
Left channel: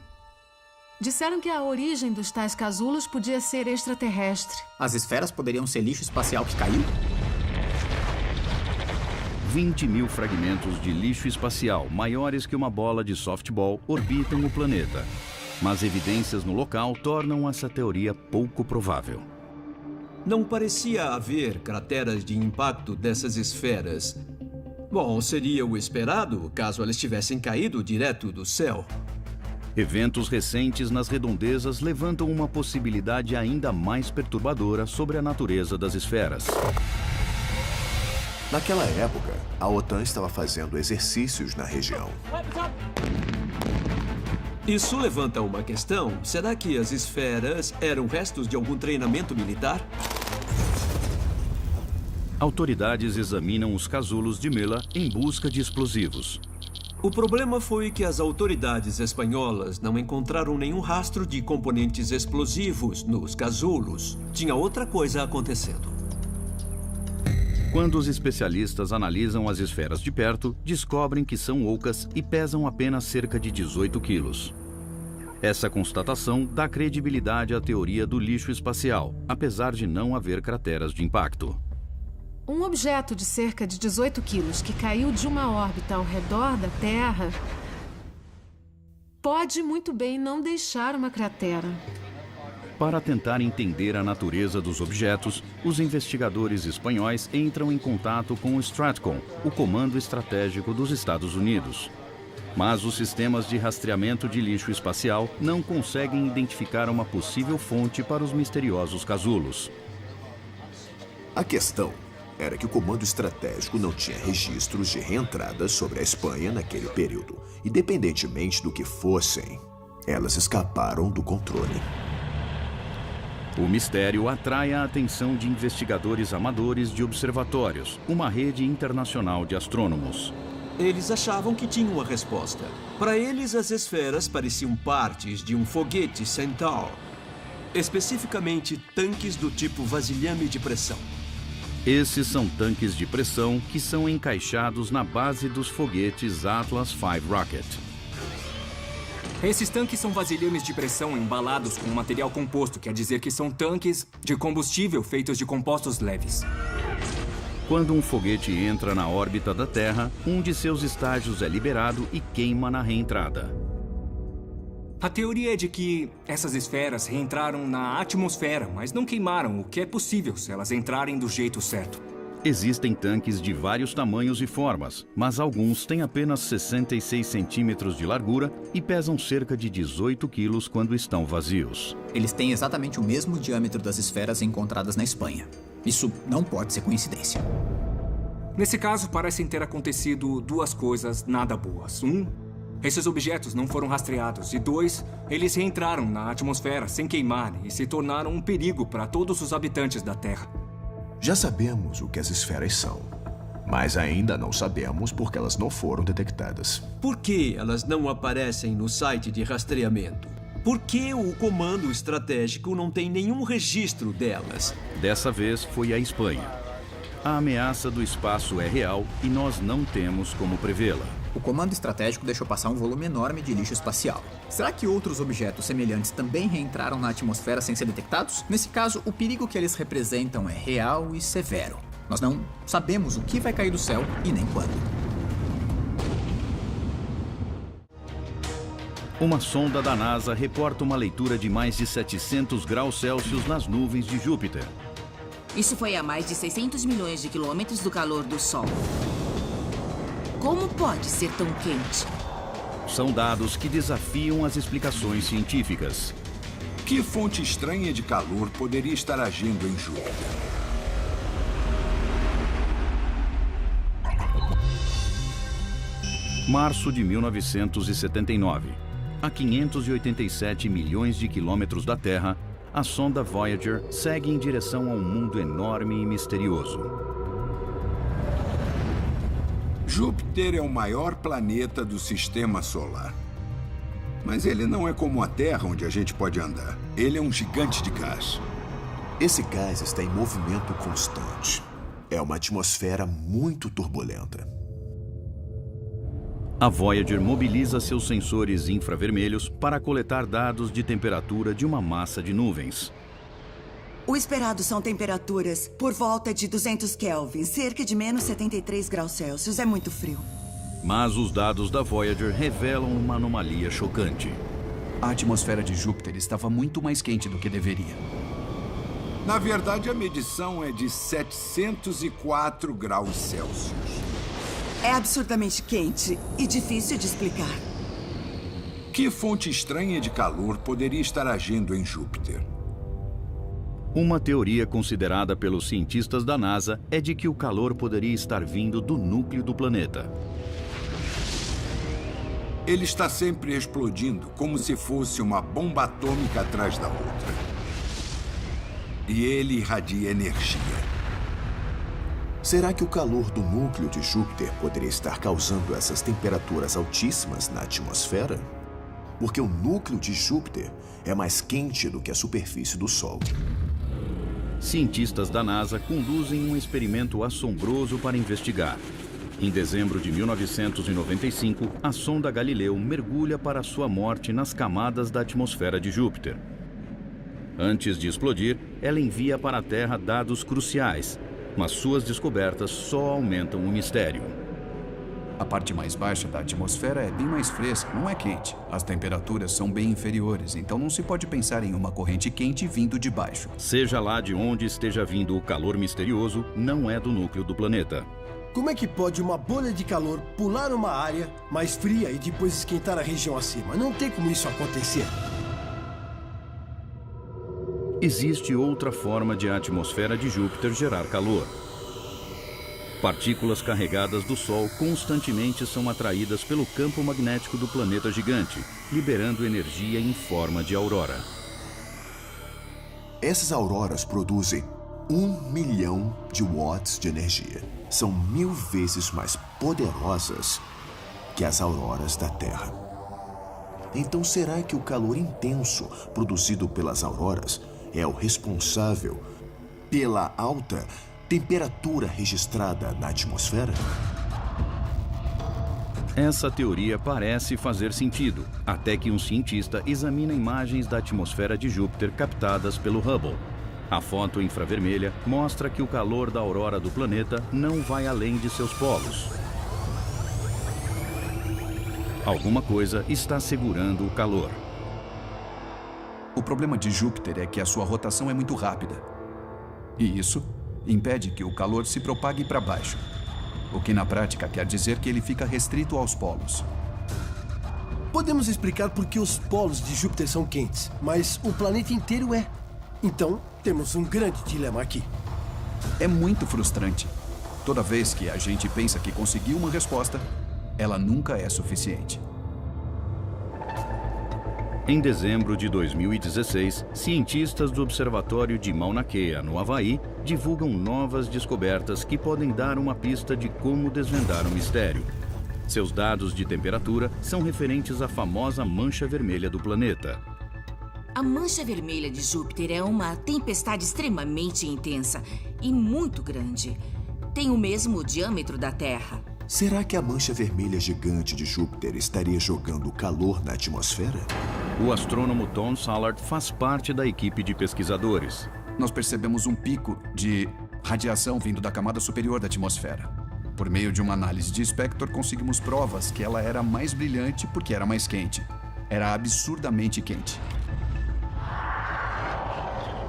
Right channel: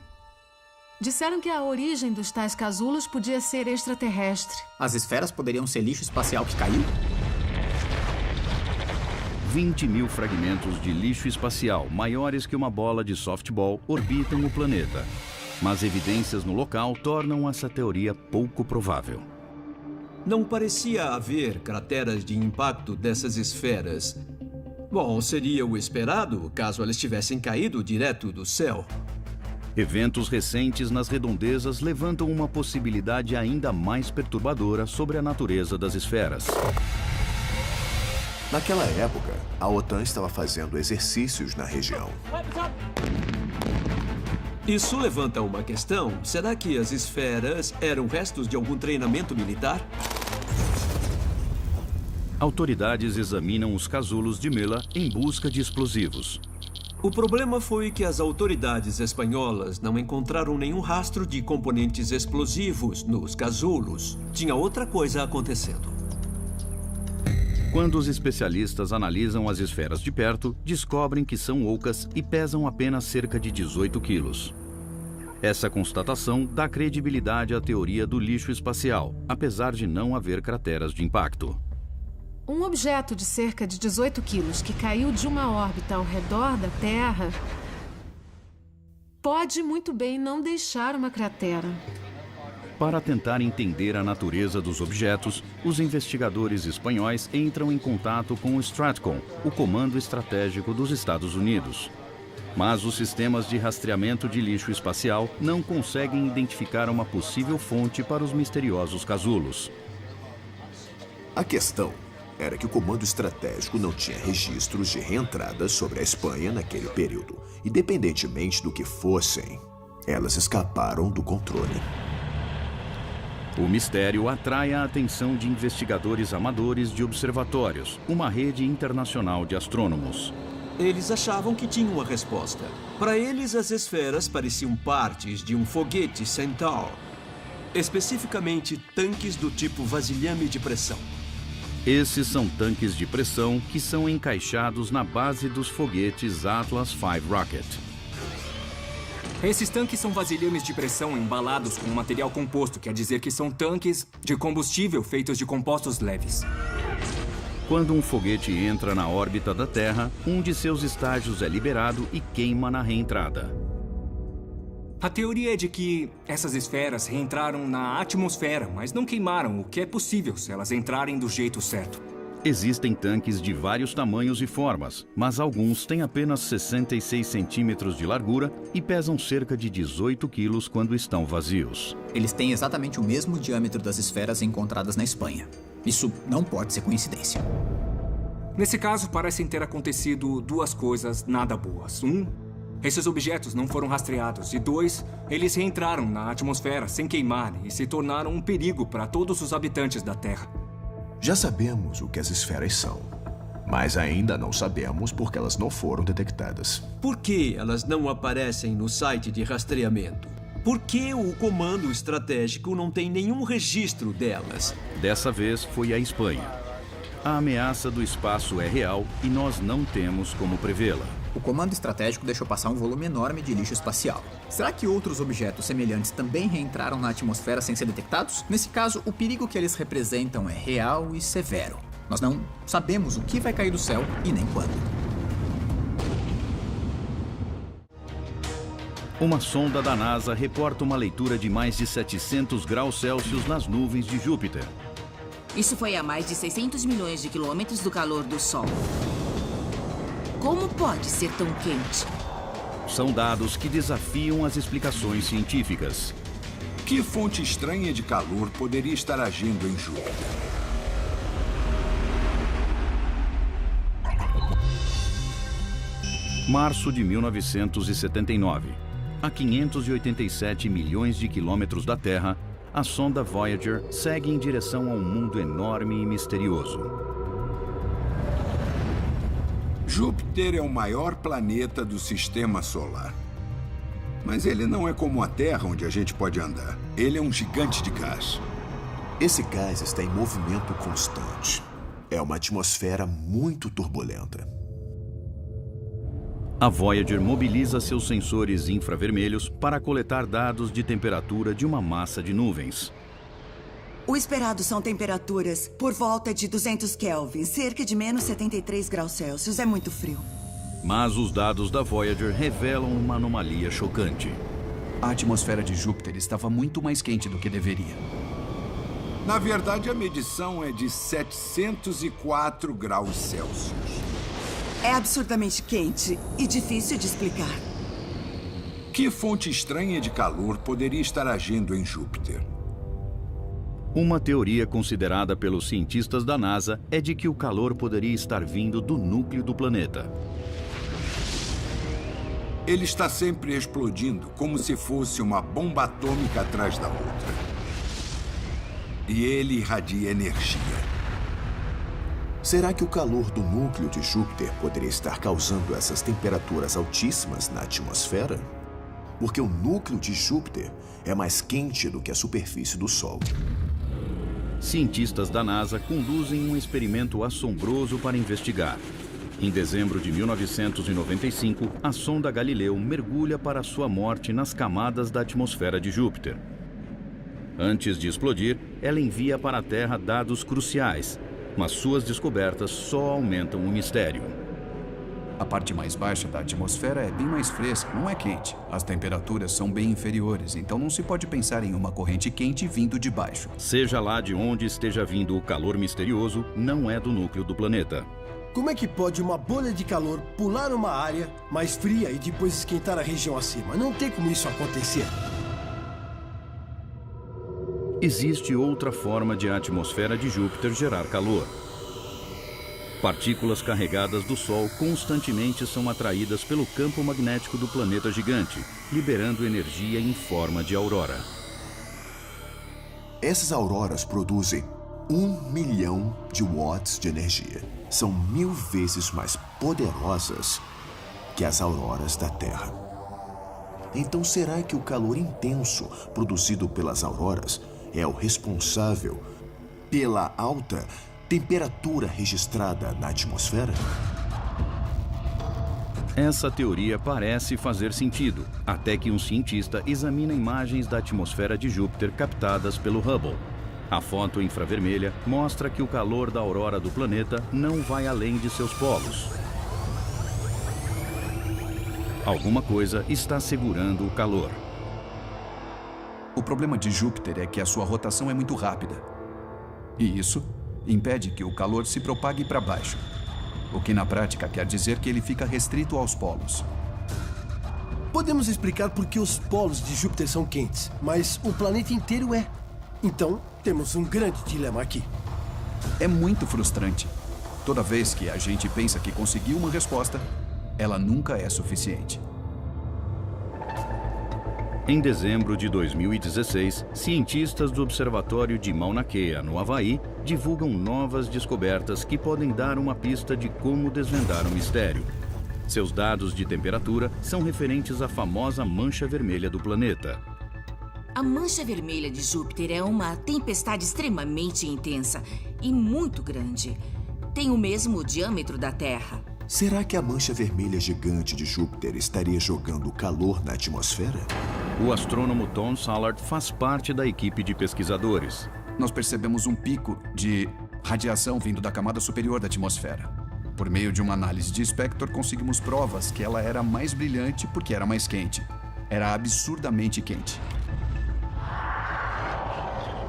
Disseram que a origem dos tais casulos podia ser extraterrestre. As esferas poderiam ser lixo espacial que caiu? 20 mil fragmentos de lixo espacial, maiores que uma bola de softball, orbitam o planeta. Mas evidências no local tornam essa teoria pouco provável. Não parecia haver crateras de impacto dessas esferas. Bom, seria o esperado caso elas tivessem caído direto do céu. Eventos recentes nas redondezas levantam uma possibilidade ainda mais perturbadora sobre a natureza das esferas. Naquela época, a OTAN estava fazendo exercícios na região. Isso levanta uma questão. Será que as esferas eram restos de algum treinamento militar? Autoridades examinam os casulos de Mela em busca de explosivos. O problema foi que as autoridades espanholas não encontraram nenhum rastro de componentes explosivos nos casulos. Tinha outra coisa acontecendo. Quando os especialistas analisam as esferas de perto, descobrem que são ocas e pesam apenas cerca de 18 quilos. Essa constatação dá credibilidade à teoria do lixo espacial, apesar de não haver crateras de impacto. Um objeto de cerca de 18 quilos que caiu de uma órbita ao redor da Terra pode muito bem não deixar uma cratera. Para tentar entender a natureza dos objetos, os investigadores espanhóis entram em contato com o Stratcom, o Comando Estratégico dos Estados Unidos. Mas os sistemas de rastreamento de lixo espacial não conseguem identificar uma possível fonte para os misteriosos casulos. A questão era que o Comando Estratégico não tinha registros de reentradas sobre a Espanha naquele período. Independentemente do que fossem, elas escaparam do controle. O mistério atrai a atenção de investigadores amadores de observatórios, uma rede internacional de astrônomos. Eles achavam que tinham uma resposta. Para eles, as esferas pareciam partes de um foguete Centaur. Especificamente, tanques do tipo vasilhame de pressão. Esses são tanques de pressão que são encaixados na base dos foguetes Atlas V Rocket. Esses tanques são vasilhames de pressão embalados com material composto, quer dizer que são tanques de combustível feitos de compostos leves. Quando um foguete entra na órbita da Terra, um de seus estágios é liberado e queima na reentrada. A teoria é de que essas esferas reentraram na atmosfera, mas não queimaram, o que é possível se elas entrarem do jeito certo. Existem tanques de vários tamanhos e formas, mas alguns têm apenas 66 centímetros de largura e pesam cerca de 18 quilos quando estão vazios. Eles têm exatamente o mesmo diâmetro das esferas encontradas na Espanha. Isso não pode ser coincidência. Nesse caso, parecem ter acontecido duas coisas nada boas. Esses objetos não foram rastreados. E 2, eles reentraram na atmosfera sem queimar e se tornaram um perigo para todos os habitantes da Terra. Já sabemos o que as esferas são, mas ainda não sabemos por que elas não foram detectadas. Por que elas não aparecem no site de rastreamento? Por que o Comando Estratégico não tem nenhum registro delas? Dessa vez foi a Espanha. A ameaça do espaço é real e nós não temos como prevê-la. O Comando Estratégico deixou passar um volume enorme de lixo espacial. Será que outros objetos semelhantes também reentraram na atmosfera sem ser detectados? Nesse caso, o perigo que eles representam é real e severo. Nós não sabemos o que vai cair do céu e nem quando. Uma sonda da NASA reporta uma leitura de mais de 700 graus Celsius nas nuvens de Júpiter. Isso foi a mais de 600 milhões de quilômetros do calor do Sol. Como pode ser tão quente? São dados que desafiam as explicações científicas. Que fonte estranha de calor poderia estar agindo em Júpiter? Março de 1979. A 587 milhões de quilômetros da Terra, a sonda Voyager segue em direção a um mundo enorme e misterioso. Júpiter é o maior planeta do Sistema Solar. Mas ele não é como a Terra, onde a gente pode andar. Ele é um gigante de gás. Esse gás está em movimento constante. É uma atmosfera muito turbulenta. A Voyager mobiliza seus sensores infravermelhos para coletar dados de temperatura de uma massa de nuvens. O esperado são temperaturas por volta de 200 Kelvin, cerca de menos 73 graus Celsius. É muito frio. Mas os dados da Voyager revelam uma anomalia chocante. A atmosfera de Júpiter estava muito mais quente do que deveria. Na verdade, a medição é de 704 graus Celsius. É absurdamente quente e difícil de explicar. Que fonte estranha de calor poderia estar agindo em Júpiter? Uma teoria considerada pelos cientistas da NASA é de que o calor poderia estar vindo do núcleo do planeta. Ele está sempre explodindo, como se fosse uma bomba atômica atrás da outra. E ele irradia energia. Será que o calor do núcleo de Júpiter poderia estar causando essas temperaturas altíssimas na atmosfera? Porque o núcleo de Júpiter é mais quente do que a superfície do Sol. Cientistas da NASA conduzem um experimento assombroso para investigar. Em dezembro de 1995, a sonda Galileu mergulha para sua morte nas camadas da atmosfera de Júpiter. Antes de explodir, ela envia para a Terra dados cruciais, Mas suas descobertas só aumentam o mistério. A parte mais baixa da atmosfera é bem mais fresca, não é quente. As temperaturas são bem inferiores, então não se pode pensar em uma corrente quente vindo de baixo. Seja lá de onde esteja vindo o calor misterioso, não é do núcleo do planeta. Como é que pode uma bolha de calor pular uma área mais fria e depois esquentar a região acima? Não tem como isso acontecer. Existe outra forma de a atmosfera de Júpiter gerar calor. Partículas carregadas do Sol constantemente são atraídas pelo campo magnético do planeta gigante, liberando energia em forma de aurora. Essas auroras produzem 1 milhão de watts de energia. São 1000 vezes mais poderosas que as auroras da Terra. Então, será que o calor intenso produzido pelas auroras é o responsável pela alta temperatura registrada na atmosfera? Essa teoria parece fazer sentido, até que um cientista examina imagens da atmosfera de Júpiter captadas pelo Hubble. A foto infravermelha mostra que o calor da aurora do planeta não vai além de seus polos. Alguma coisa está segurando o calor. O problema de Júpiter é que a sua rotação é muito rápida. E isso impede que o calor se propague para baixo. O que na prática quer dizer que ele fica restrito aos polos. Podemos explicar por que os polos de Júpiter são quentes, mas o planeta inteiro é. Então, temos um grande dilema aqui. É muito frustrante. Toda vez que a gente pensa que conseguiu uma resposta, ela nunca é suficiente. Em dezembro de 2016, cientistas do Observatório de Mauna Kea, no Havaí, divulgam novas descobertas que podem dar uma pista de como desvendar o mistério. Seus dados de temperatura são referentes à famosa mancha vermelha do planeta. A mancha vermelha de Júpiter é uma tempestade extremamente intensa e muito grande. Tem o mesmo diâmetro da Terra. Será que a mancha vermelha gigante de Júpiter estaria jogando calor na atmosfera? O astrônomo Tom Sallard faz parte da equipe de pesquisadores. Nós percebemos um pico de radiação vindo da camada superior da atmosfera. Por meio de uma análise de espectro, conseguimos provas que ela era mais brilhante porque era mais quente. Era absurdamente quente.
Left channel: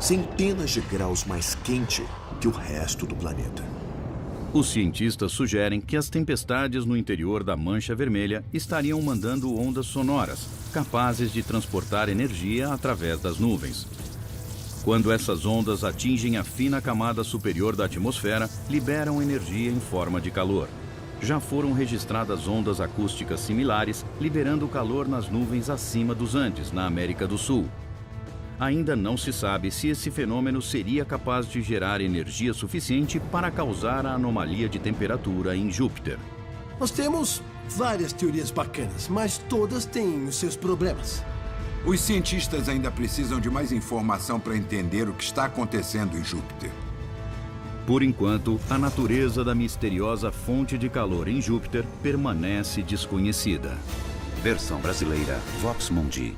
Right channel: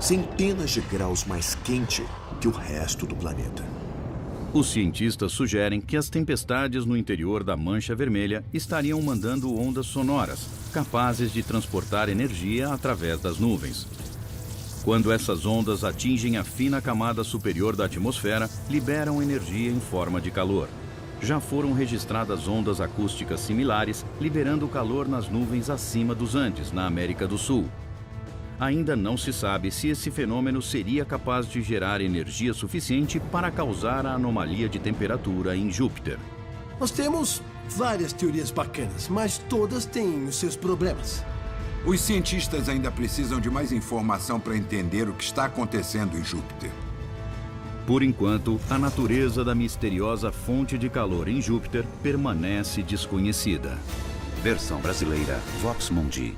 Centenas de graus mais quente que o resto do planeta. Os cientistas sugerem que as tempestades no interior da mancha vermelha estariam mandando ondas sonoras, capazes de transportar energia através das nuvens. Quando essas ondas atingem a fina camada superior da atmosfera, liberam energia em forma de calor. Já foram registradas ondas acústicas similares, liberando calor nas nuvens acima dos Andes, na América do Sul. Ainda não se sabe se esse fenômeno seria capaz de gerar energia suficiente para causar a anomalia de temperatura em Júpiter. Nós temos várias teorias bacanas, mas todas têm os seus problemas. Os cientistas ainda precisam de mais informação para entender o que está acontecendo em Júpiter. Por enquanto, a natureza da misteriosa fonte de calor em Júpiter permanece desconhecida. Versão brasileira, Vox Mundi.